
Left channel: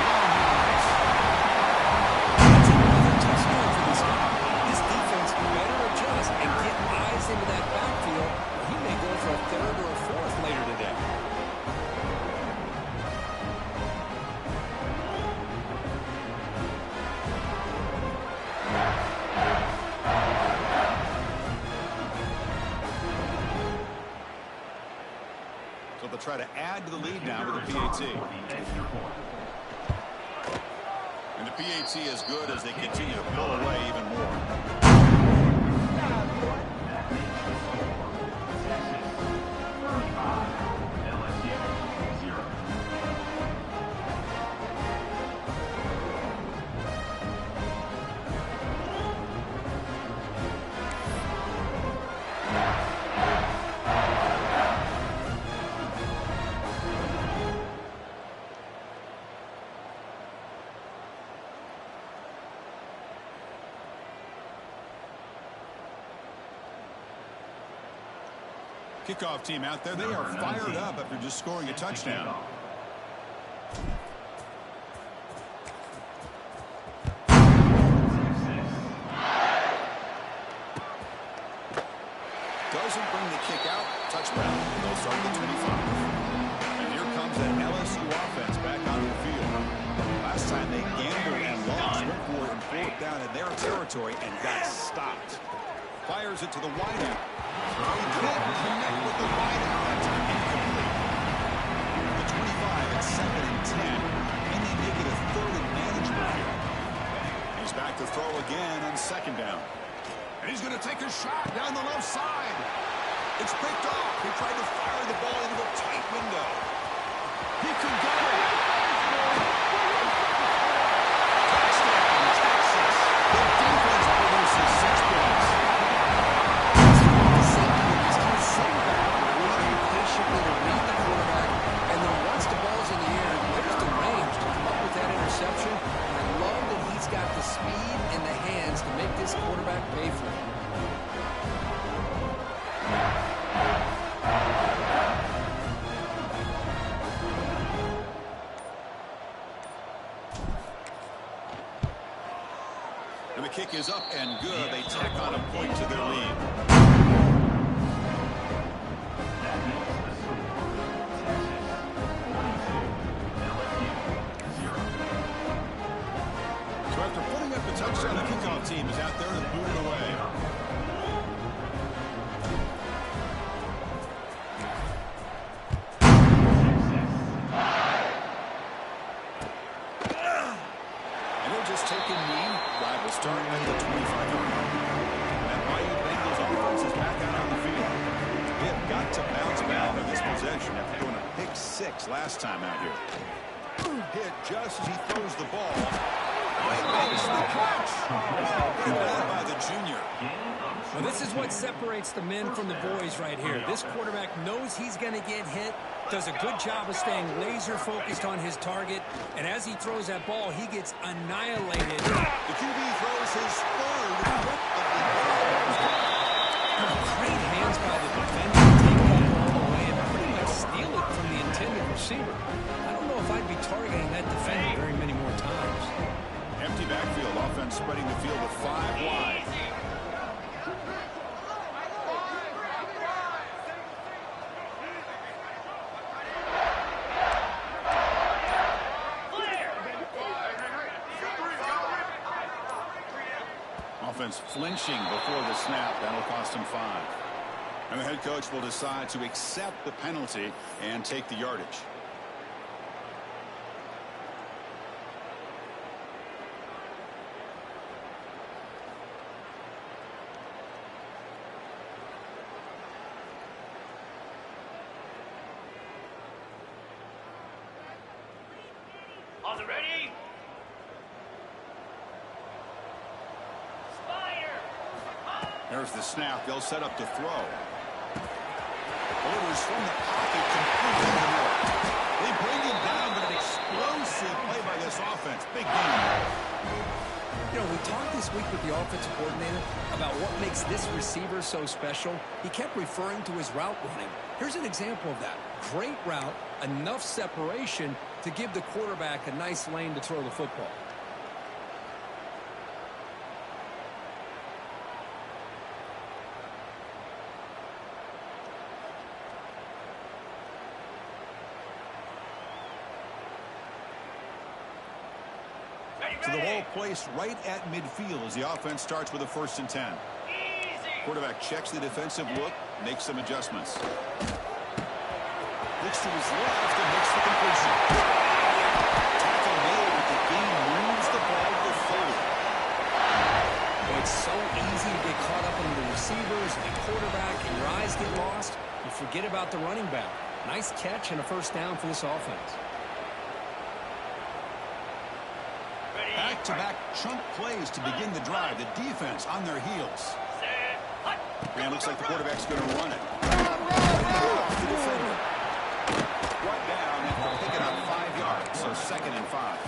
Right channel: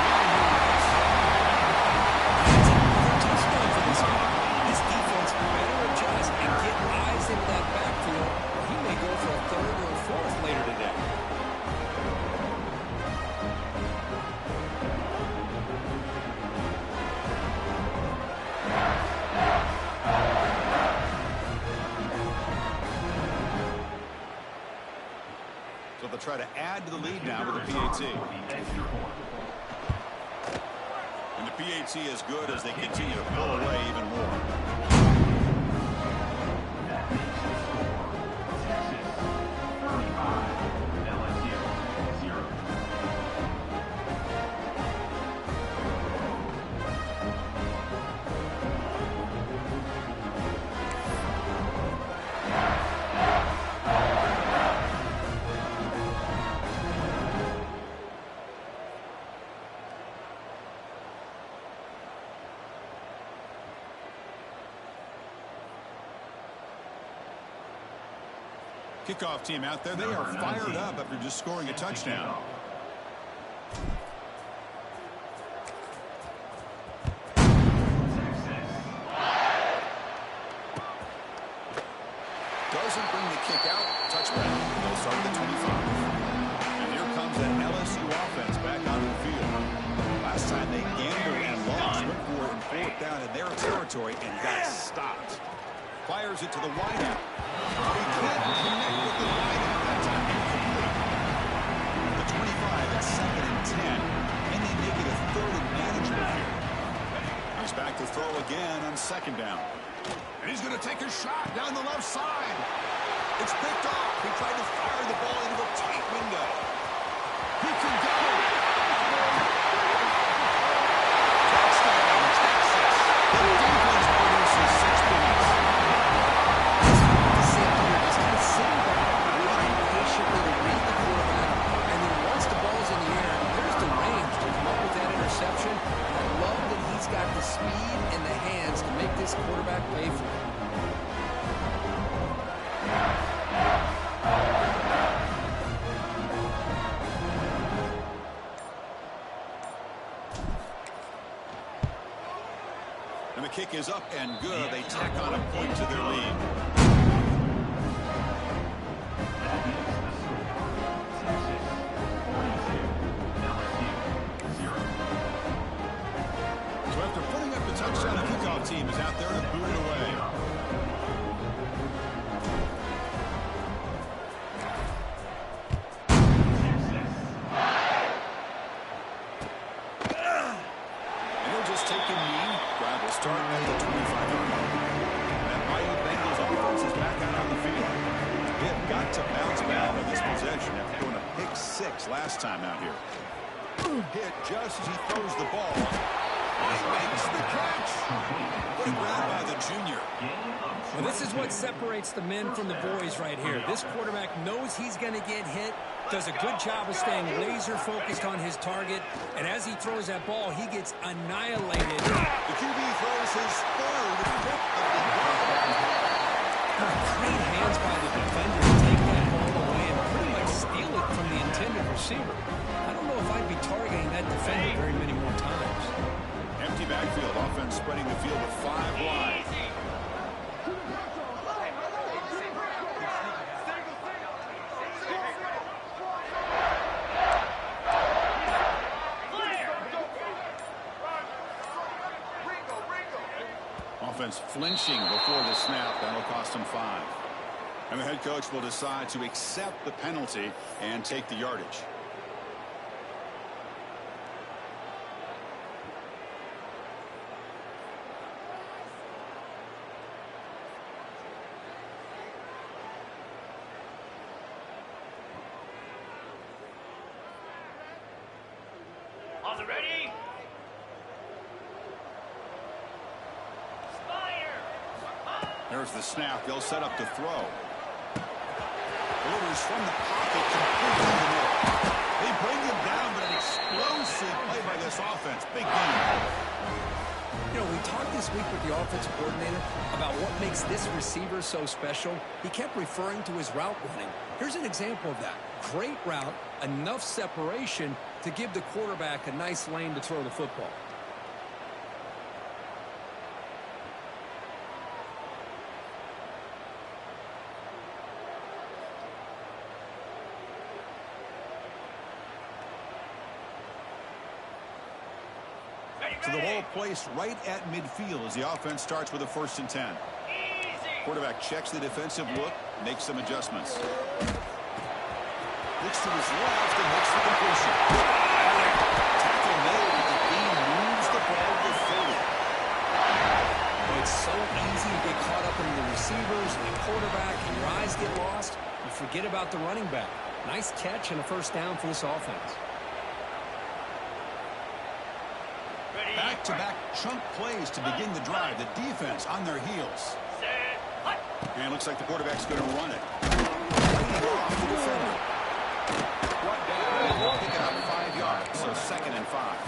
That's another touchdown for this guy. This defense better adjust and get eyes into that backfield, or he may go for a third or a fourth later today. So they'll try to add to the lead now with the PAT. And the PAT is good as they continue to pull away even more. That makes the score Texas 35, LSU 0. Kickoff team out there. They are fired up after just scoring a touchdown. Doesn't bring the kick out. Touchdown. They'll start at the 25. And here comes an LSU offense back on the field. Last time they gambled and lost. Went for it and fourth down in their territory and got stopped. Fires it to the wideout. Oh, he couldn't connect with the wideout that time. Incomplete. The 25 at 2nd and 10. And they make it a 3rd and manageable here. He's back to throw again on 2nd down. And he's going to take a shot down the left side. It's picked off. He tried to fire the ball into a tight window. He could go. Touchdown, Texas. The defense produces 6 points. The safety here just kind of sitting back, waiting patiently to read the quarterback, and then once the ball's in the air, there's the range to come up with that interception. And I love that he's got the speed and the hands to make this quarterback pay for it. And the kick is up and good. They tack on a point to their lead. That makes the score Texas 42, LSU 0. So after putting up the touchdown, the kickoff team is out there to boot it away. And they'll just take a knee. Drive will start at the 25-yard line. That Miami Bengals offense is back out on the field. They have got to bounce back on this possession after doing a pick 6 last time out here. Hit just as he throws the ball. He makes the catch. Good grab by the junior. Well, this is what separates the men from the boys right here. This quarterback knows he's going to get hit, does a good job of staying laser focused on his target, and as he throws that ball, he gets annihilated. The QB throws his 3rd hit of the game. Great hands by the defender to take that ball away and pretty much steal it from the intended receiver. I don't know if I'd be targeting that defender very many more times. Empty backfield, offense spreading the field with 5 wide. Offense flinching before the snap. That'll cost him 5. And the head coach will decide to accept the penalty and take the yardage. Are they ready? There's the snap. They'll set up to throw. Delivers from the pocket completely in the middle. They bring him down, but an explosive play by this offense. Big game. You know, we talked this week with the offensive coordinator about what makes this receiver so special. He kept referring to his route running. Here's an example of that. Great route, enough separation to give the quarterback a nice lane to throw the football. So the ball placed right at midfield as the offense starts with a 1st and 10. Quarterback checks the defensive look, makes some adjustments. Looks to his left and makes the completion. Tackle made, but the game moves the ball to 30. Well, it's so easy to get caught up in the receivers and the quarterback, and your eyes get lost. You forget about the running back. Nice catch and a first down for this offense. Back-to-back chunk plays to begin the drive. The defense on their heels. And looks like the quarterback's going to run it. Off the defender. Brought down after picking up 5 yards, so 2nd and 5.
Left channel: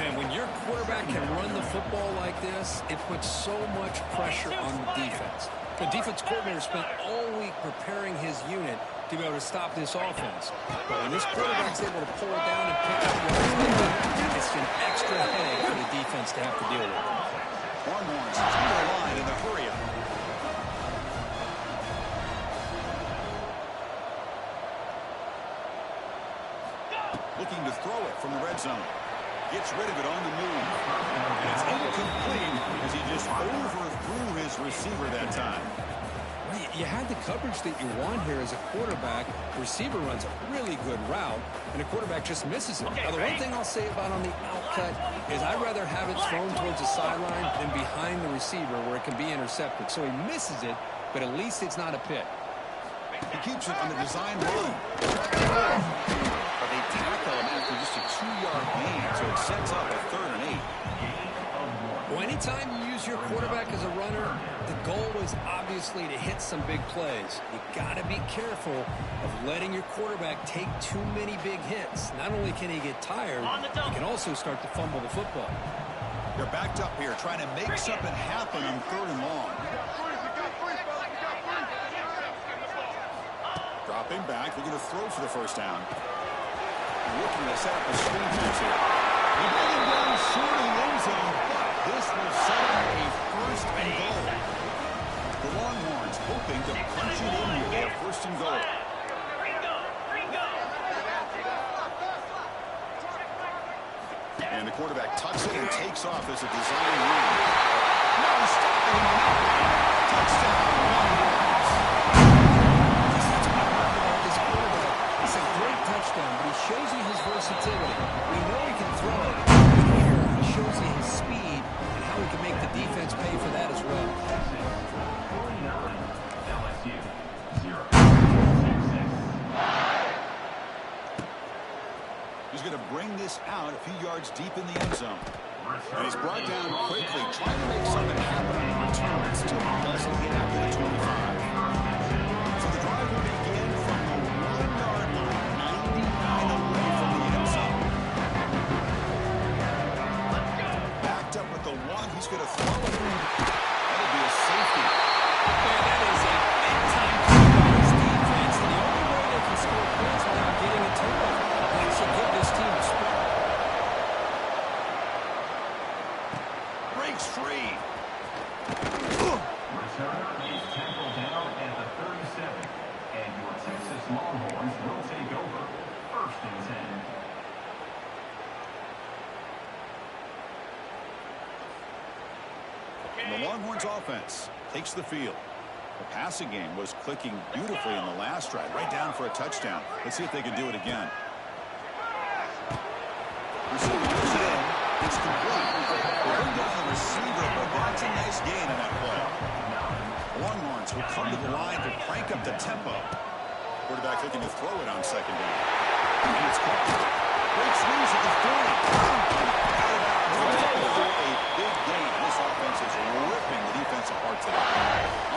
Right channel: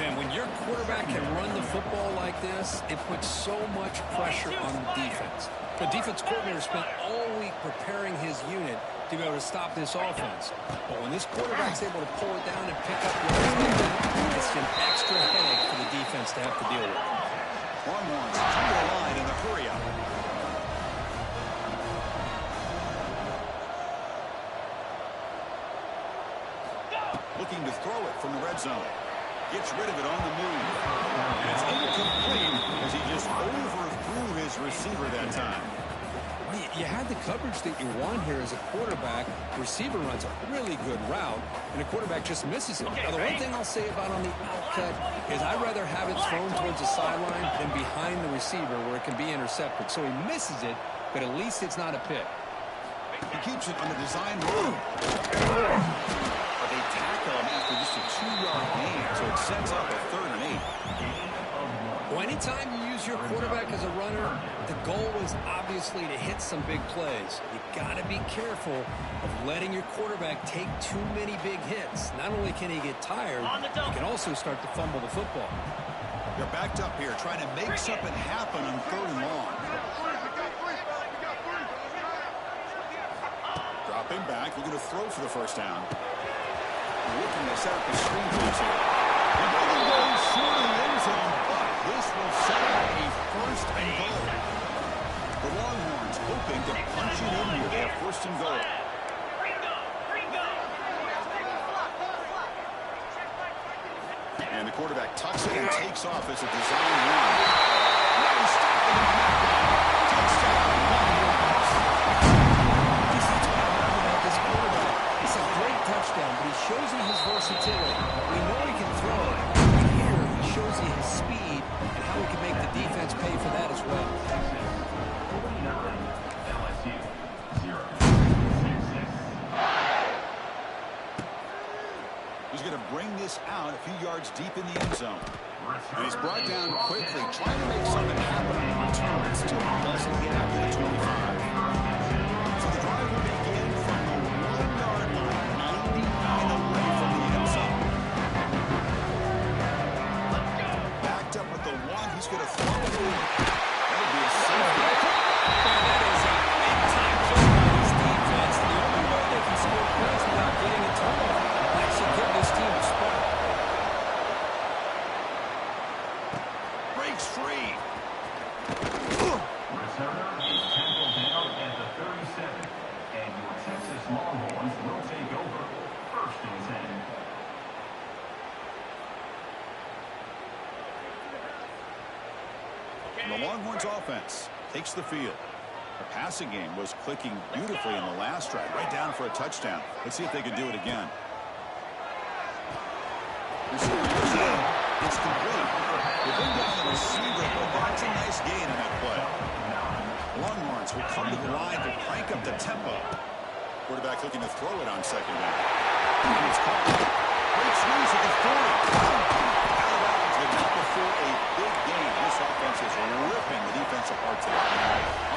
And when your quarterback can run the football like this, it puts so much pressure on the defense. The defense coordinator spent all week preparing his unit to be able to stop this offense. But when this quarterback's able to pull it down and pick up yards like that, it's an extra headache for the defense to have to deal with. Longhorns to the line in the hurry-up. Looking to throw it from the red zone. Gets rid of it on the move. And it's incomplete as he just overthrew his receiver that time. Well, you had the coverage that you want here as a quarterback. Receiver runs a really good route, and the quarterback just misses it. Now, the one thing I'll say about on the outcut is I'd rather have it thrown towards the sideline than behind the receiver where it can be intercepted. So he misses it, but at least it's not a pick. He keeps it on the design run. But they tackle him after just a 2-yard gain, so it sets up a 3rd and 8. Well, anytime you use your quarterback as a runner, the goal is obviously to hit some big plays. You got to be careful of letting your quarterback take too many big hits. Not only can he get tired, he can also start to fumble the football. They're backed up here, trying to make something happen on 3rd and long. Dropping back, looking to throw for the first down. Looking to set up a screen pass here. He doesn't go short of the end zone, but this will set up a 1st and goal. The Longhorns hoping to punch it in here. They have 1st and goal. And the quarterback tucks it and takes off as a design run. No stopping him on that run. Touchdown, Longhorns. That's what I love about this quarterback. It's a great touchdown, but he shows you his versatility. We know he can throw it, but here he shows you his speed and how he can make the defense pay for that as well. Texas 49, LSU 0. Texas. He's going to bring this out a few yards deep in the end zone. And he's brought down quickly, trying to make something happen on the return. Still doesn't get out to the 25. So the drive will begin from the 1-yard line, 99 away from the end zone. Backed up with the 1, he's going to throw it in. That'll be a safety. Man, that is a big-time play by his defense, and the only way they can score points without getting a turnover. That should give this team a spark. Breaks free. Returner is tackled down at the 37. And your Texas Longhorns will take over 1st and 10. And the Longhorns offense takes the field. The passing game was clicking beautifully in the last drive, right down for a touchdown. Let's see if they can do it again. Receiver goes in. It's complete. They bring down the receiver, but that's a nice gain on that play. The Longhorns will come to the line to crank up the tempo. Quarterback looking to throw it on 2nd down. And it's caught. Breaks loose at the 40. Out of bounds, but not before a big gain. This offense is ripping the defense apart today.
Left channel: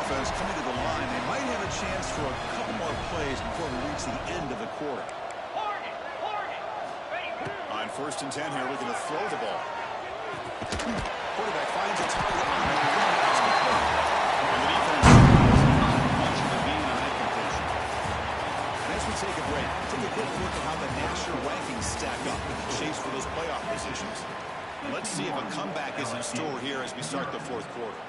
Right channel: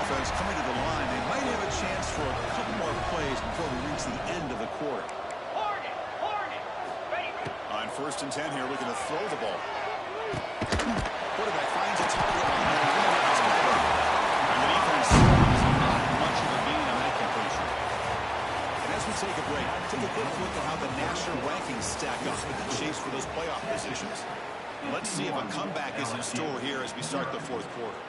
Offense coming to the line. They might have a chance for a couple more plays before we reach the end of the quarter. On 1st and 10 here, looking to throw the ball. Quarterback finds a target on the run. And the defense is not much of a gain on that completion. And as we take a break, take a quick look at how the national rankings stack up in the chase for those playoff positions. Let's see if a comeback is in store here as we start the 4th quarter.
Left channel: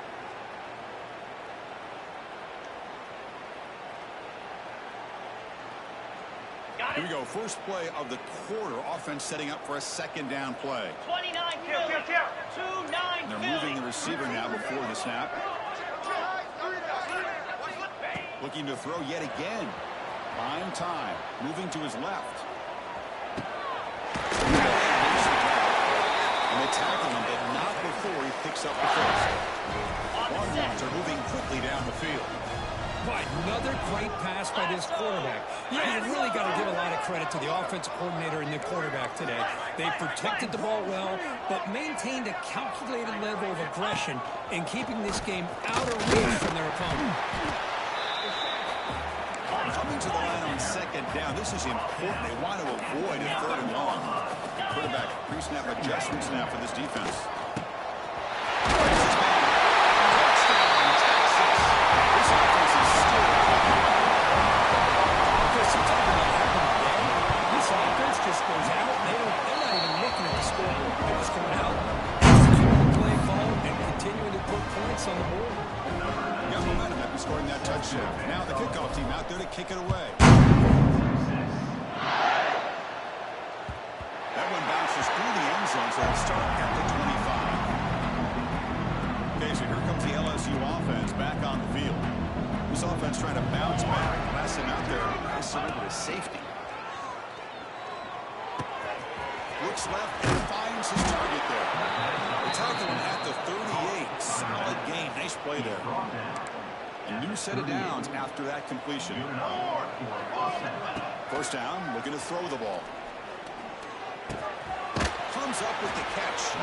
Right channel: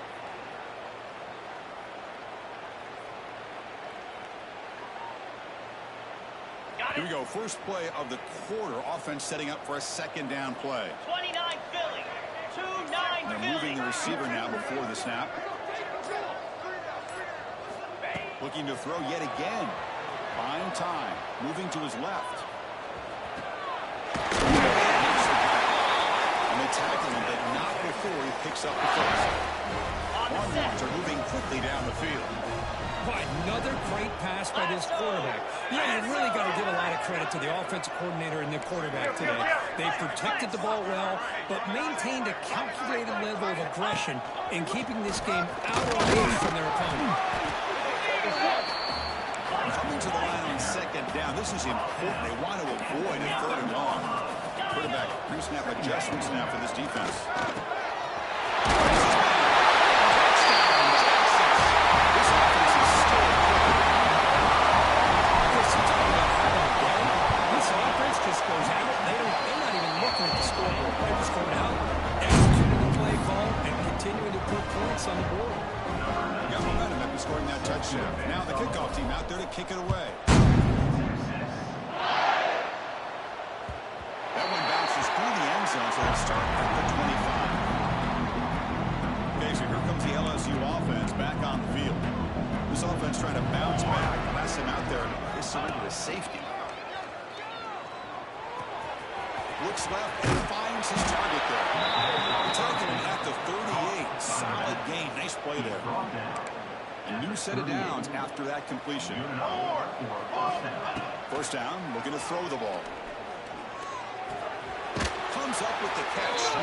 Here we go. First play of the quarter. Offense setting up for a 2nd down play. 29 Philly. 2-9 They're moving the receiver now before the snap. Looking to throw yet again. Buying time. Moving to his left. And they tackle him, but not before he picks up the first. Longhorns are moving quickly down the field. Boy, another great pass by this quarterback. You know, you really got to give a lot of credit to the offensive coordinator and the quarterback today. They protected the ball well, but maintained a calculated level of aggression in keeping this game out of reach from their opponent. Coming to the line on second down, this is important. They want to avoid a third and long. Quarterback pre-snap adjustment snap for this defense. Touchdown, Texas. This offense is still clicking. Chris, you talk about having a day. This offense just goes out. They're not even looking at the scoreboard. They're just going out, executing the play call, and continuing to put points on the board. Got momentum after scoring that touchdown. Now the kickoff team out there to kick it away. That one bounces through the end zone, so it'll start at the 25. Okay, so here comes the LSU offense back on the field. This offense trying to bounce back. The last time out there, they surrendered a safety. Looks left and finds his target there. The tackle him at the 38. Solid gain. Nice play there. A new set of downs after that completion. First down, looking to throw the ball. Comes up with the catch.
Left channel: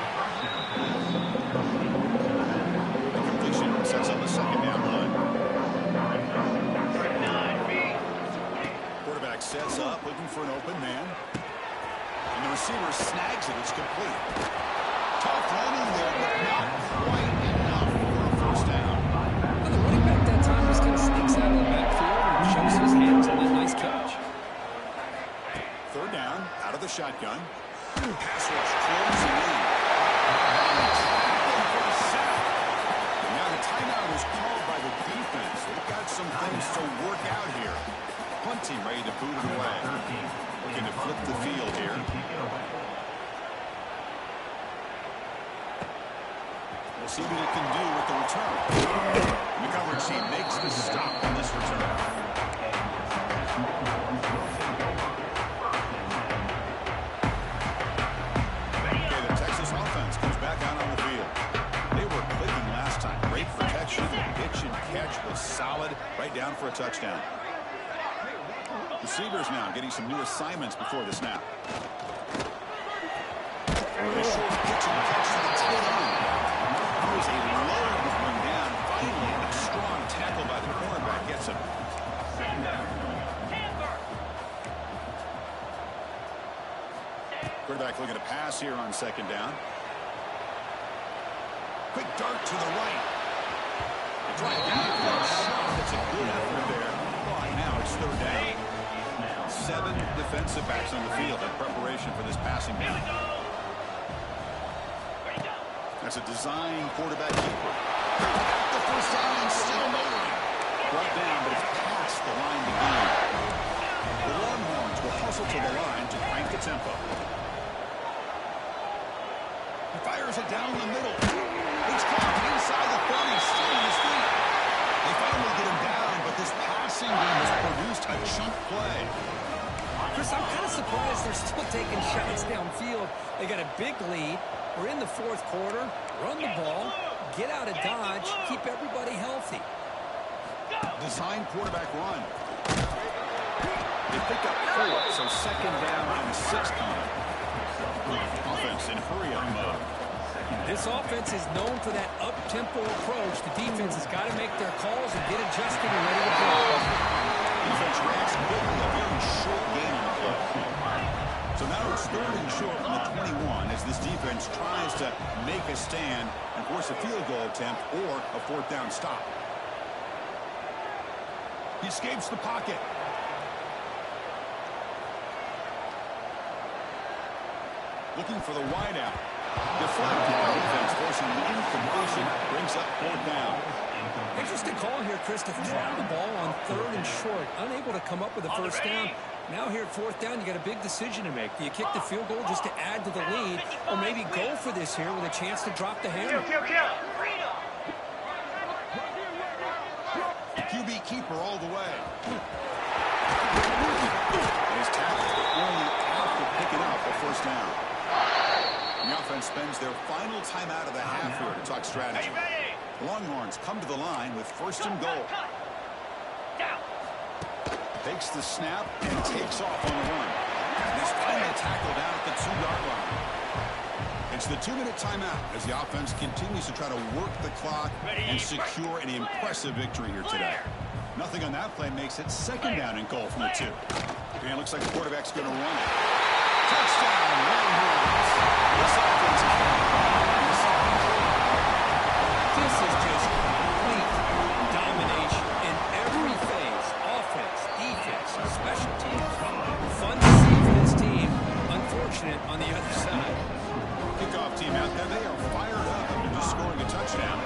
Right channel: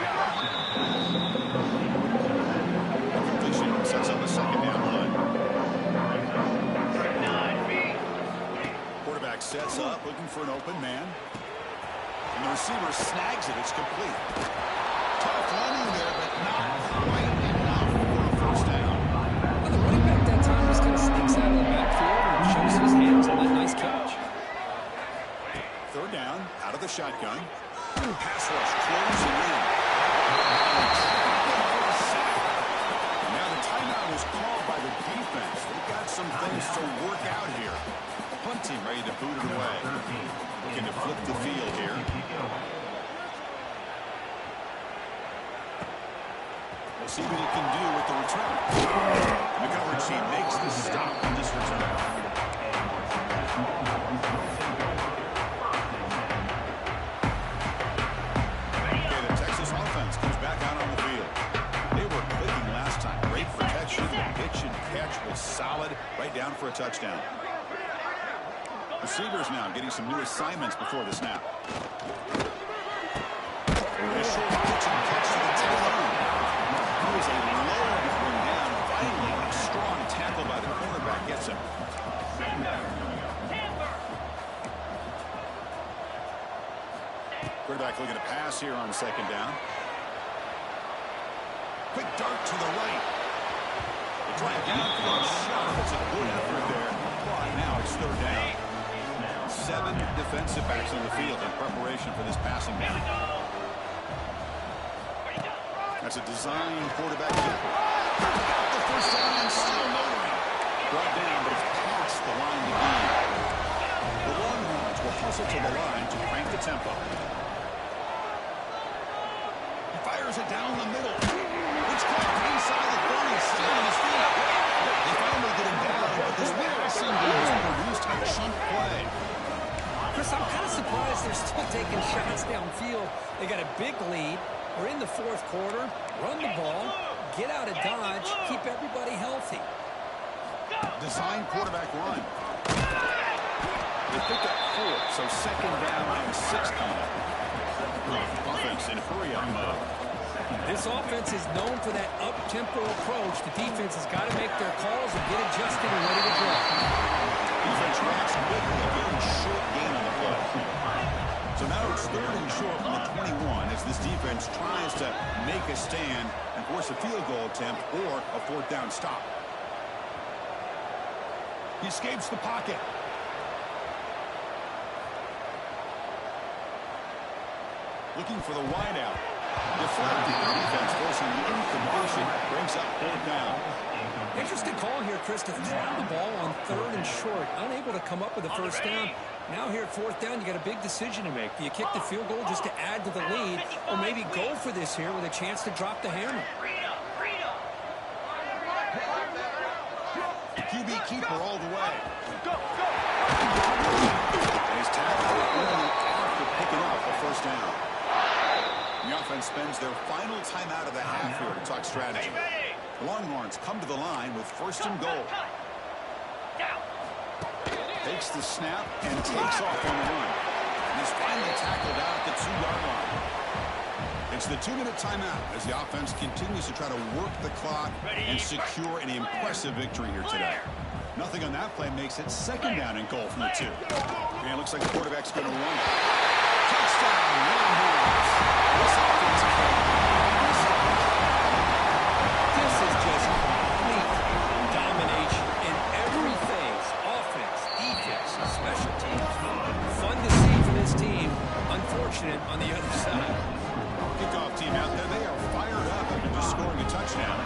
The completion sets up a second down line. Quarterback sets up, looking for an open man. And the receiver snags it. It's complete. Tough running there, but not quite enough for a first down. Well, the running back that time just kind of sneaks out of the backfield and shows his hands on that nice catch. Third down, out of the shotgun. Pass rush closing in. Trapping for a sack. And now the timeout is called by the defense. They've got some things to work out here. Punt team ready to boot it away. Looking to flip the field here. We'll see what it can do with the return. The coverage team makes the stop on this return. Okay, the Texas offense comes back out on the field. They were clicking last time. Great protection. The pitch and catch was solid. Right down for a touchdown. Receivers now getting some new assignments before the snap. A short pitch and catch to the tight end. It was a load to bring down. Finally, a strong tackle by the cornerback gets him. Quarterback looking to pass here on second down. Quick dart to the right. They drive down for a shot. It's a good effort there. But now it's third down. 7 defensive backs on the field in preparation for this passing down. That's a design quarterback keeper. Got the first down and still motoring. Brought down, but it's past the line to gain. The Longhorns will hustle to the line to crank the tempo. He fires it down the middle. It's caught inside the 30, still on his feet. They finally get him down, but this passing game has produced a chunk play. Chris, I'm kind of surprised they're still taking shots downfield. They got a big lead. We're in the fourth quarter. Run the ball, get out of Dodge, keep everybody healthy. Design quarterback run. They pick up 4, so second down and 6 coming up. Offense in hurry-up mode. This offense is known for that up-tempo approach. The defense has got to make their calls and get adjusted and ready to play. Defense reacts quickly. A very short gain on the play. So now it's third and short from the 21 as this defense tries to make a stand and force a field goal attempt or a fourth down stop. He escapes the pocket. Looking for the wideout. Deflected by defense, forcing the incompletion. Brings up fourth down. Interesting call here, Chris, to throw the ball on third and short. Unable to come up with a first down. Now here at fourth down, you got a big decision to make. Do you kick the field goal just to add to the lead, or maybe go for this here with a chance to drop the hammer? QB keeper all the way. And his tackle only after picking up a first down. The offense spends their final timeout of the half here to talk strategy. The Longhorns come to the line with first and goal. Down. Takes the snap and takes off on the run. And he's finally tackled out at the 2-yard line. It's the 2-minute timeout as the offense continues to try to work the clock and secure an impressive victory here today. Nothing on that play makes it second down and goal from the 2. And it looks like the quarterback's going to run it. Touchdown, Longhorns. This offense is This is just complete domination in every phase. Offense, defense, special teams. Fun to see for this team. Unfortunate on the other side. kickoff team out there. They are fired up after just scoring a touchdown.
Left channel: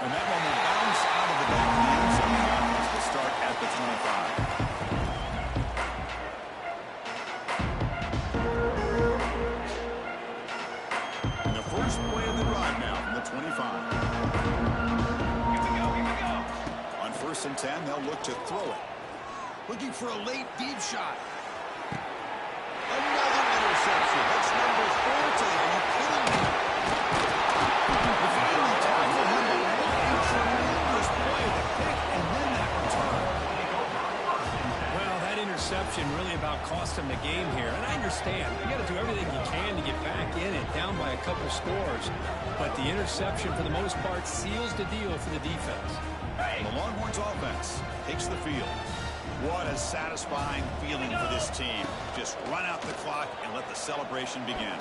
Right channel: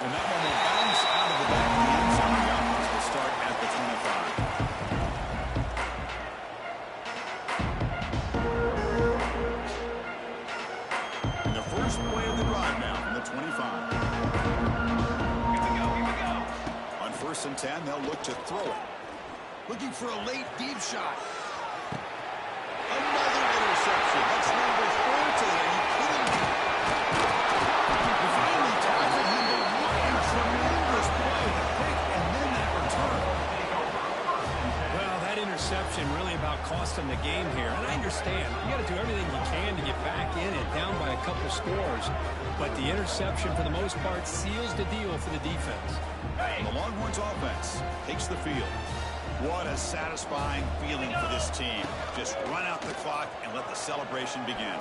And that one will bounce out of the back of the end zone. The offense will start at the 25. And the first play of the drive now from the 25. Here we go. On 1st and 10, they'll look to throw it. Looking for a late deep shot. Another interception. That's number 4 today. Are you kidding me? He finally tackled him, but what a tremendous play. The pick and then that return. Well, that interception really about cost them the game here. And I understand. You got to do everything you can to get back in it, down by a couple scores. But the interception, for the most part, seals the deal for the defense. And the Longhorns offense takes the field. What a satisfying feeling for this team. Just run out the clock and let the celebration begin.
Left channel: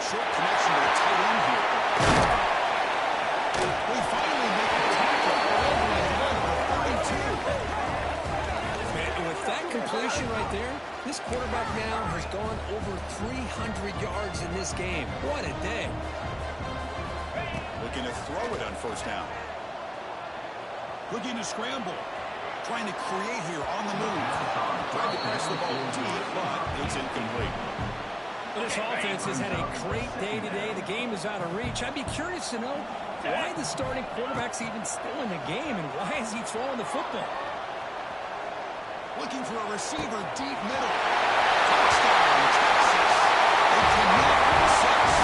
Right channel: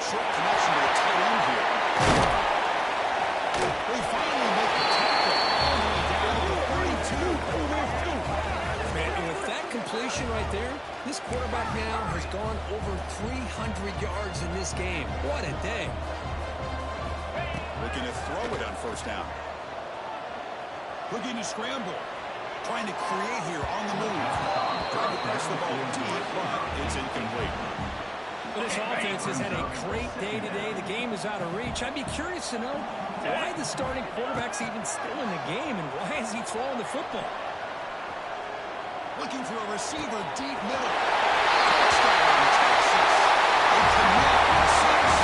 Short connection to the tight end here. They finally make the tackle all the way down to the 32. Man, and with that completion right there, this quarterback now has gone over 300 yards in this game. What a day. Looking to throw it on 1st down. Looking to scramble. Trying to create here on the move. Trying to press the ball deep, but it's incomplete. But this offense has had a great day today. The game is out of reach. I'd be curious to know why the starting quarterback's even still in the game and why is he throwing the football? Looking for a receiver deep middle. Touchdown, Texas. They connect with 6.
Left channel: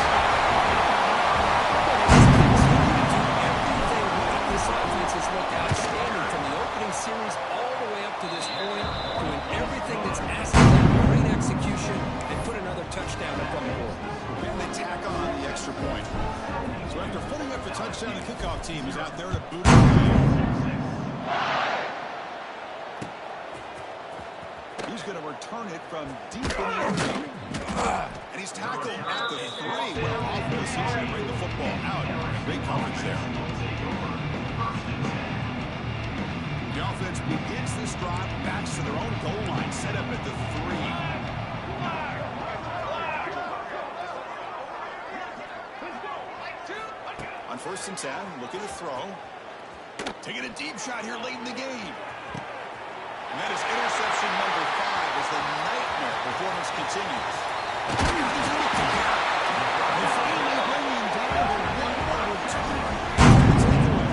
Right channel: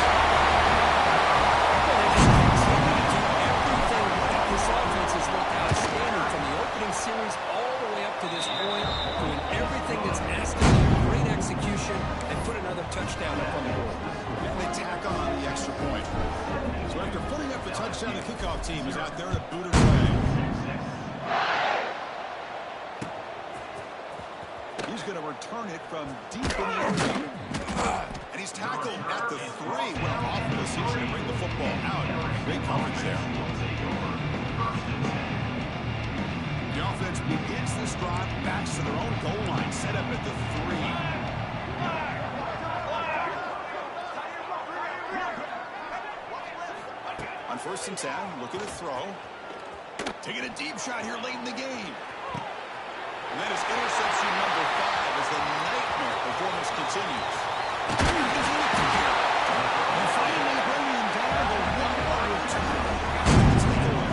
They just continue to do everything right. This offense has looked outstanding from the opening series all the way up to this point, doing everything that's asked of them. Great execution, and put another touchdown up on the board. And they tack on the extra point. So after putting up the touchdown, the kickoff team is out there to boot it away. He's going to return it from deep in the end zone. And he's tackled at the 3. What an awful decision to bring the football out. Great coverage there. The offense begins this drive, backs to their own goal line, set up at the 3. On 1st and 10, looking to throw. Taking a deep shot here late in the game. And that is interception number 5 as the nightmare performance continues. He's looking here. They finally bring him down to 1 return. Take it away.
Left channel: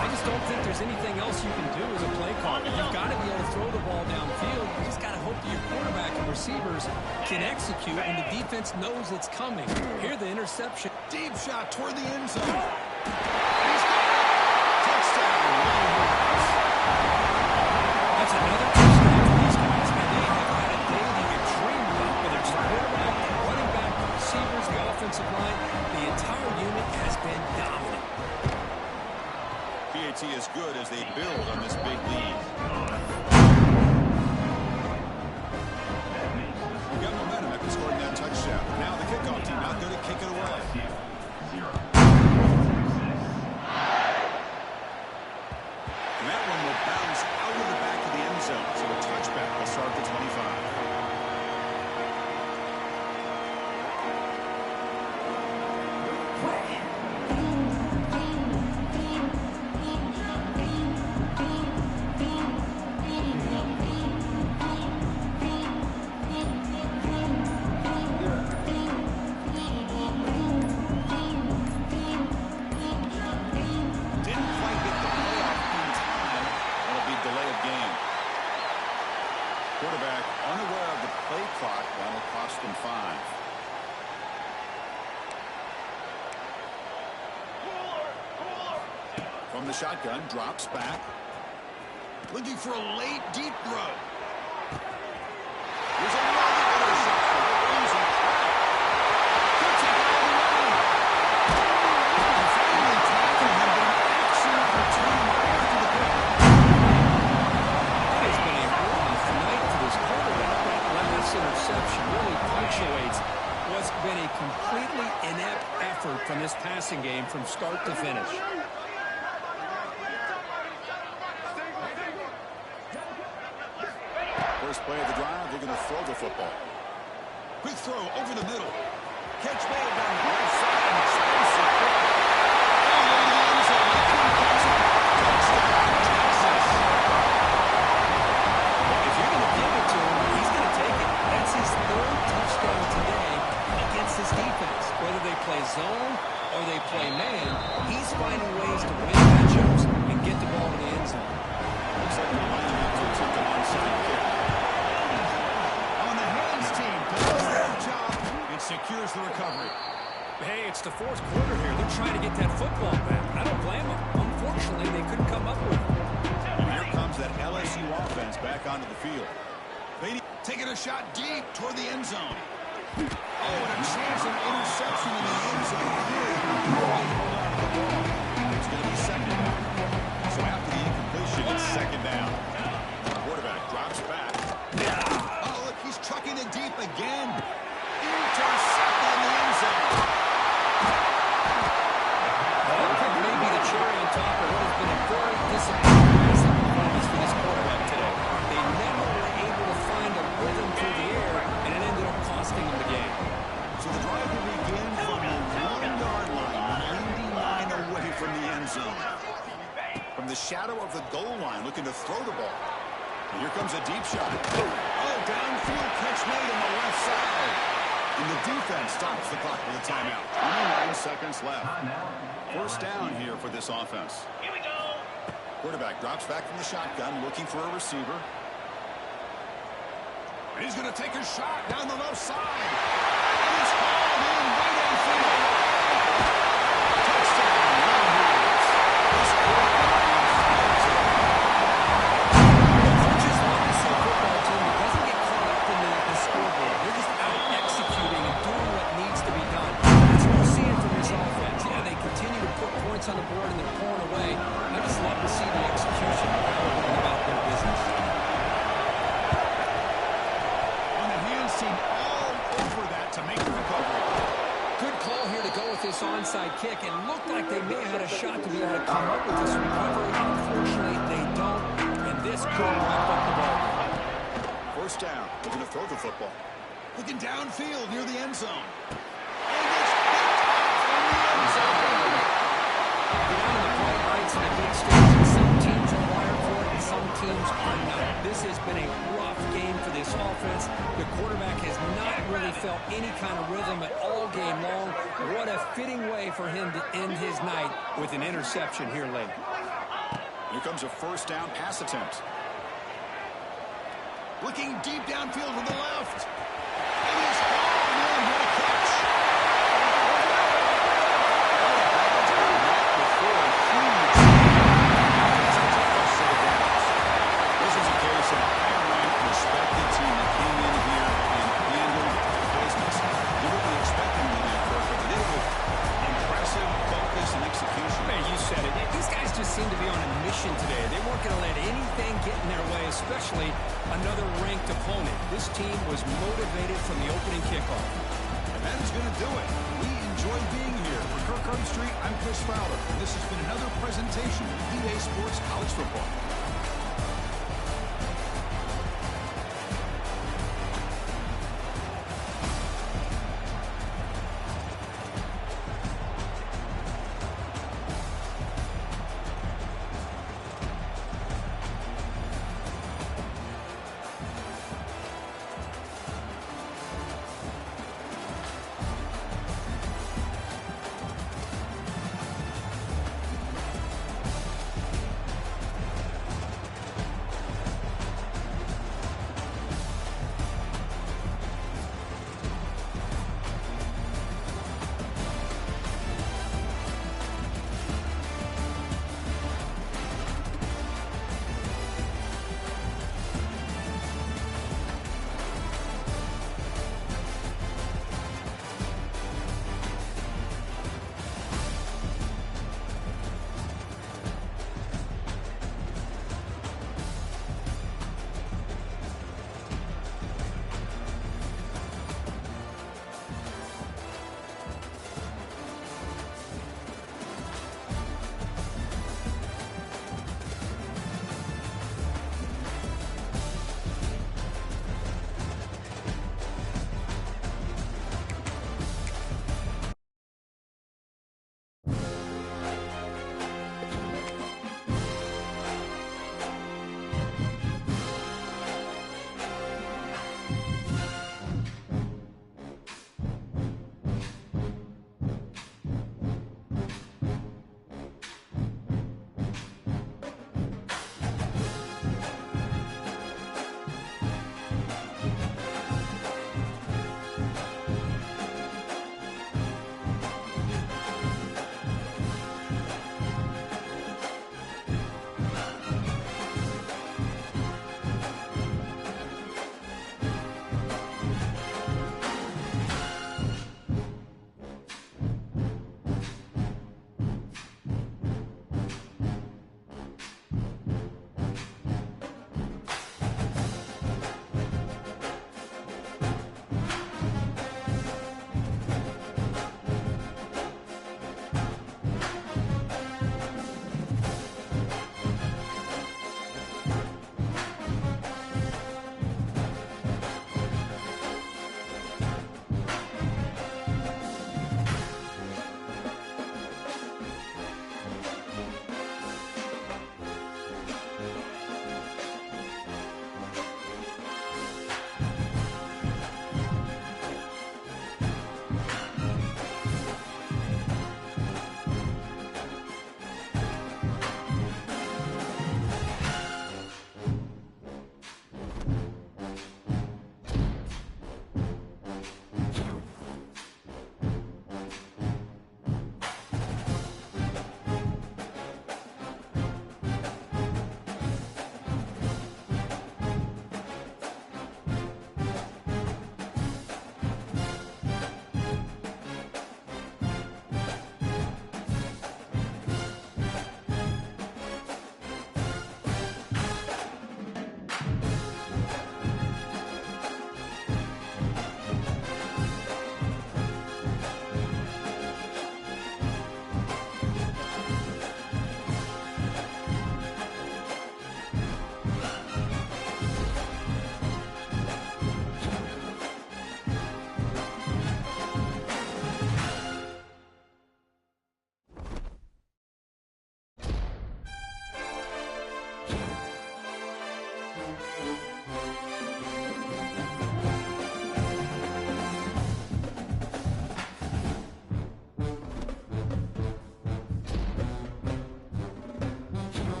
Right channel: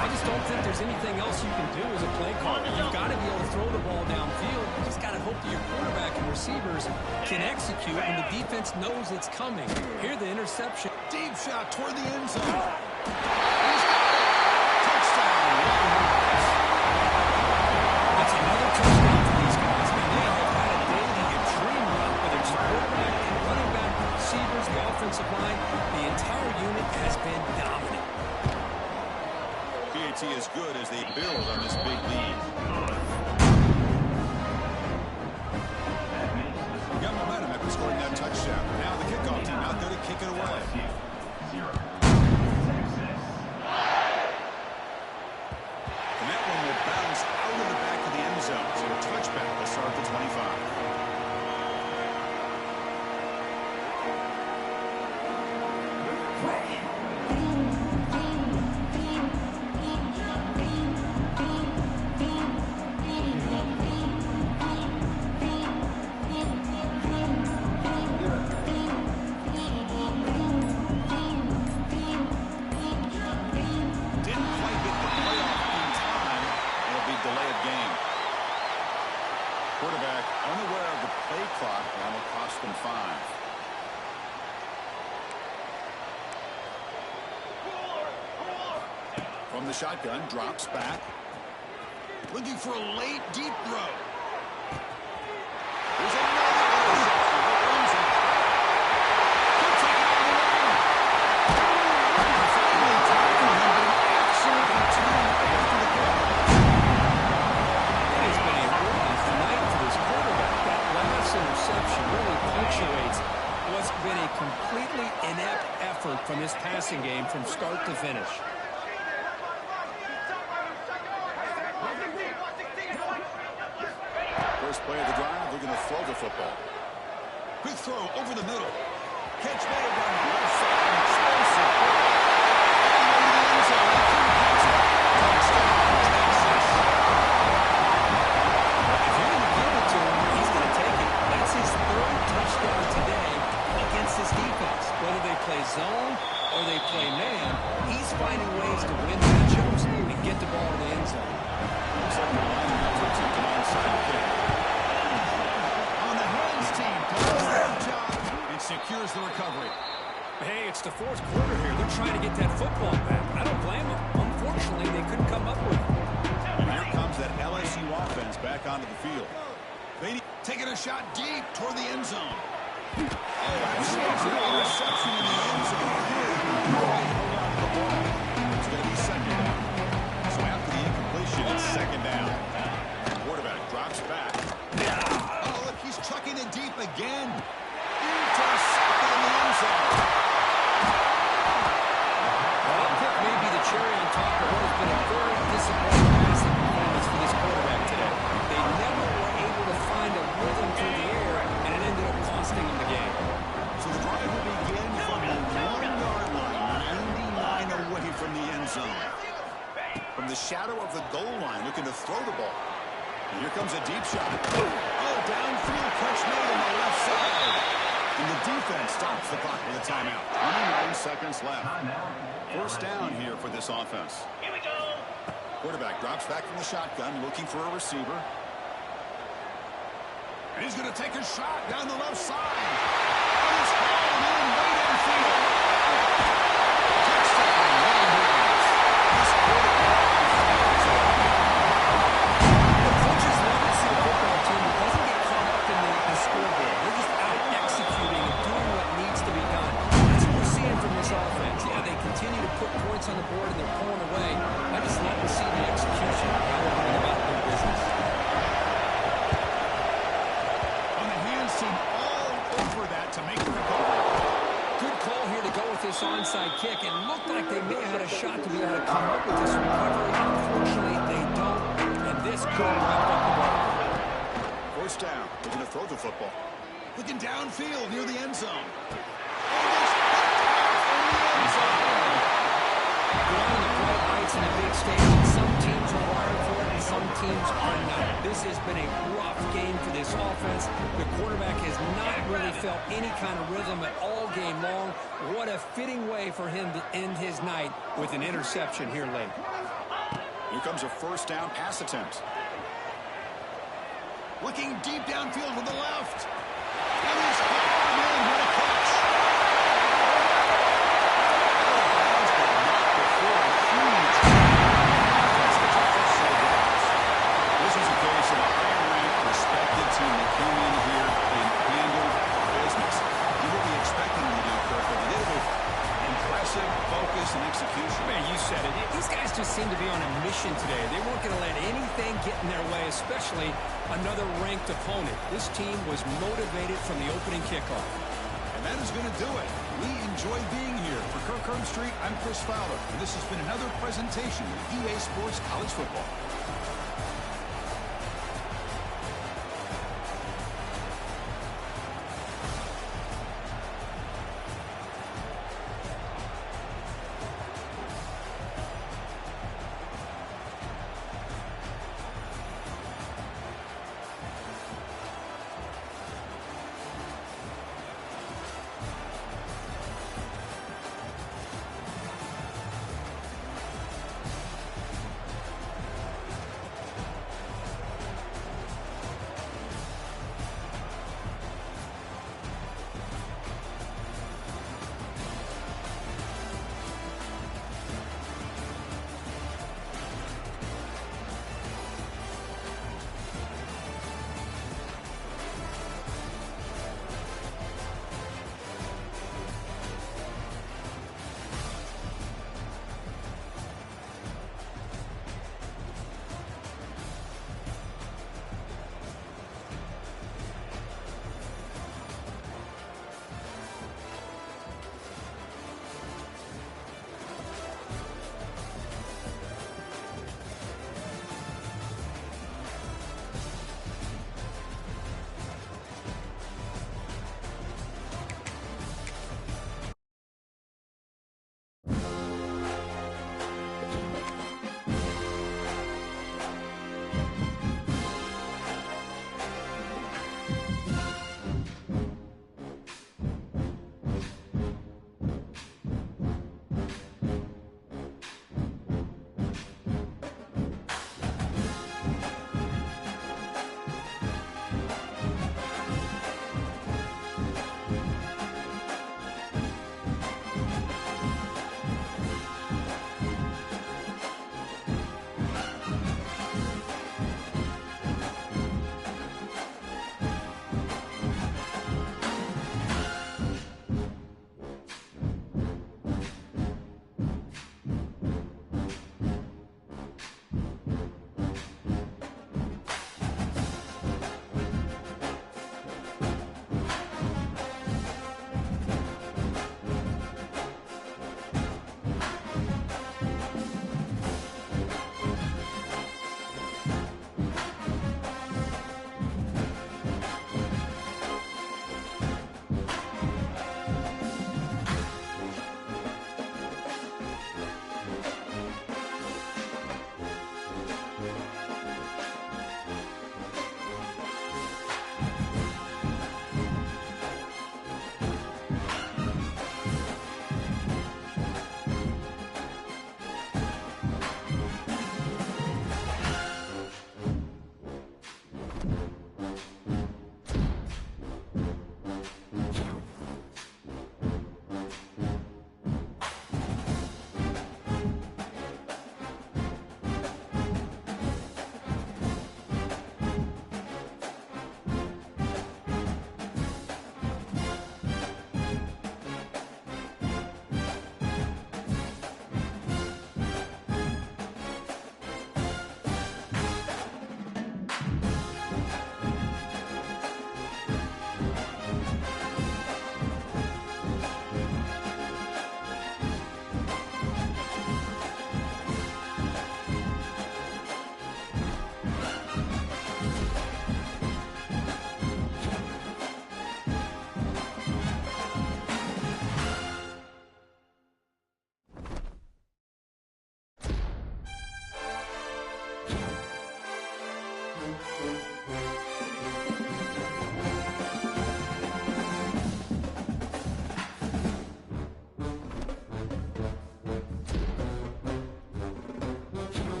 I just don't think there's anything else you can do as a play caller. You've got to be able to throw the ball downfield. You just got to hope that your quarterback and receivers can execute and the defense knows it's coming. Here the interception. Deep shot toward the end zone. And he's got it. Touchdown, Longhorns. That's another touchdown for these guys. Man, they have had a day that you dream about, whether it's the quarterback, the running back, the receivers, the offensive line. The entire unit has been dominant. PAT is good as they build on this big lead. We got momentum after scoring that touchdown. Now the kickoff team out there to kick it away. And that one will bounce out of the back of the end zone. So a touchback will start the 25. clock. That'll cost them 5. From the shotgun, drops back. Looking for a late, deep throw. There's another interception. The Rams in track. Could take it all the way. Finally tackling him, but an excellent return after the kick. It has been a rough night for this quarterback. That last interception really punctuates what's been a completely inept effort from this passing game from start to finish. First play of the drive, they're going to throw the football. Quick throw over the middle. Catch made down the left side. An explosive play. All the way to the end zone. They couldn't catch it. Touchdown, Texas. Well, if you're going to give it to him, he's going to take it. That's his 3rd touchdown today against this defense. Whether they play zone or they play man, he's finding ways to win matchups and get the ball to the end zone. Looks like they're lining up to attempt an onside kick. On the hands team, does a great job and secures the recovery. Hey, it's the 4th quarter here. They're trying to get that football back. I don't blame them. Unfortunately, they couldn't come up with it. And here comes that LSU offense back onto the field. They taking a shot deep toward the end zone. Oh, and a chance of an interception in the end zone. Hold on to the ball. It's going to be 2nd down. So after the incompletion, it's 2nd down. The quarterback drops back. Oh, look, he's chucking it deep again. Intercepted in the end zone. Well, that pick may be the cherry on top of what has been a very disappointing passing performance for this quarterback today. They never were able to find a rhythm through the air, and it ended up costing them the game. So the drive will begin from the 1-yard line, 99 away from the end zone. From the shadow of the goal line, looking to throw the ball. And here comes a deep shot. Oh, downfield catch made on the left side. And the defense stops the clock with a timeout. 29 seconds left. 1st down here for this offense. Here we go. Quarterback drops back from the shotgun, looking for a receiver. And he's going to take a shot down the left side. And it's hauled in way downfield. Touchdown, Longhorns. This quarterback on fire today. The coaches love to see a football team that doesn't get caught up in the scoreboard. They're just out executing and doing what needs to be done. That's what we're seeing from this offense. Yeah, they continue to put points on the board and they're pulling away. I just love to see the execution of how they're going about their business. On the hands team, all over that to make the recovery. Good call here to go with this onside kick. It looked like they may have had a shot to be able to come up with this recovery. Unfortunately, they don't, and this could wrap up the ball. 1st down. They're going to throw the football. Looking downfield near the end zone. And it's picked off in the end zone. Get out in the bright lights and the big stage, and some teams are wired for it and some teams are not. This has been a rough game for this offense. The quarterback has not really felt any kind of rhythm at all game long. What a fitting way for him to end his night with an interception here late. Here comes a 1st down pass attempt. Looking deep downfield to the left. And it's hauled in. What a catch. Out of bounds, but not before a huge offense gets a first set of downs. This is a case of a higher-ranked, respected team that came in here and handled business. Did what we expected them to do, Kirk, but they did it with impressive focus and execution. Man, you said it. These guys just seem to be on a mission today. They weren't going to let anything get in their way, especially another ranked opponent. This team was motivated from the opening kickoff. And that is going to do it. We enjoyed being here. For Kirk Herbstreit, I'm Chris Fowler, and this has been another presentation of EA Sports College Football.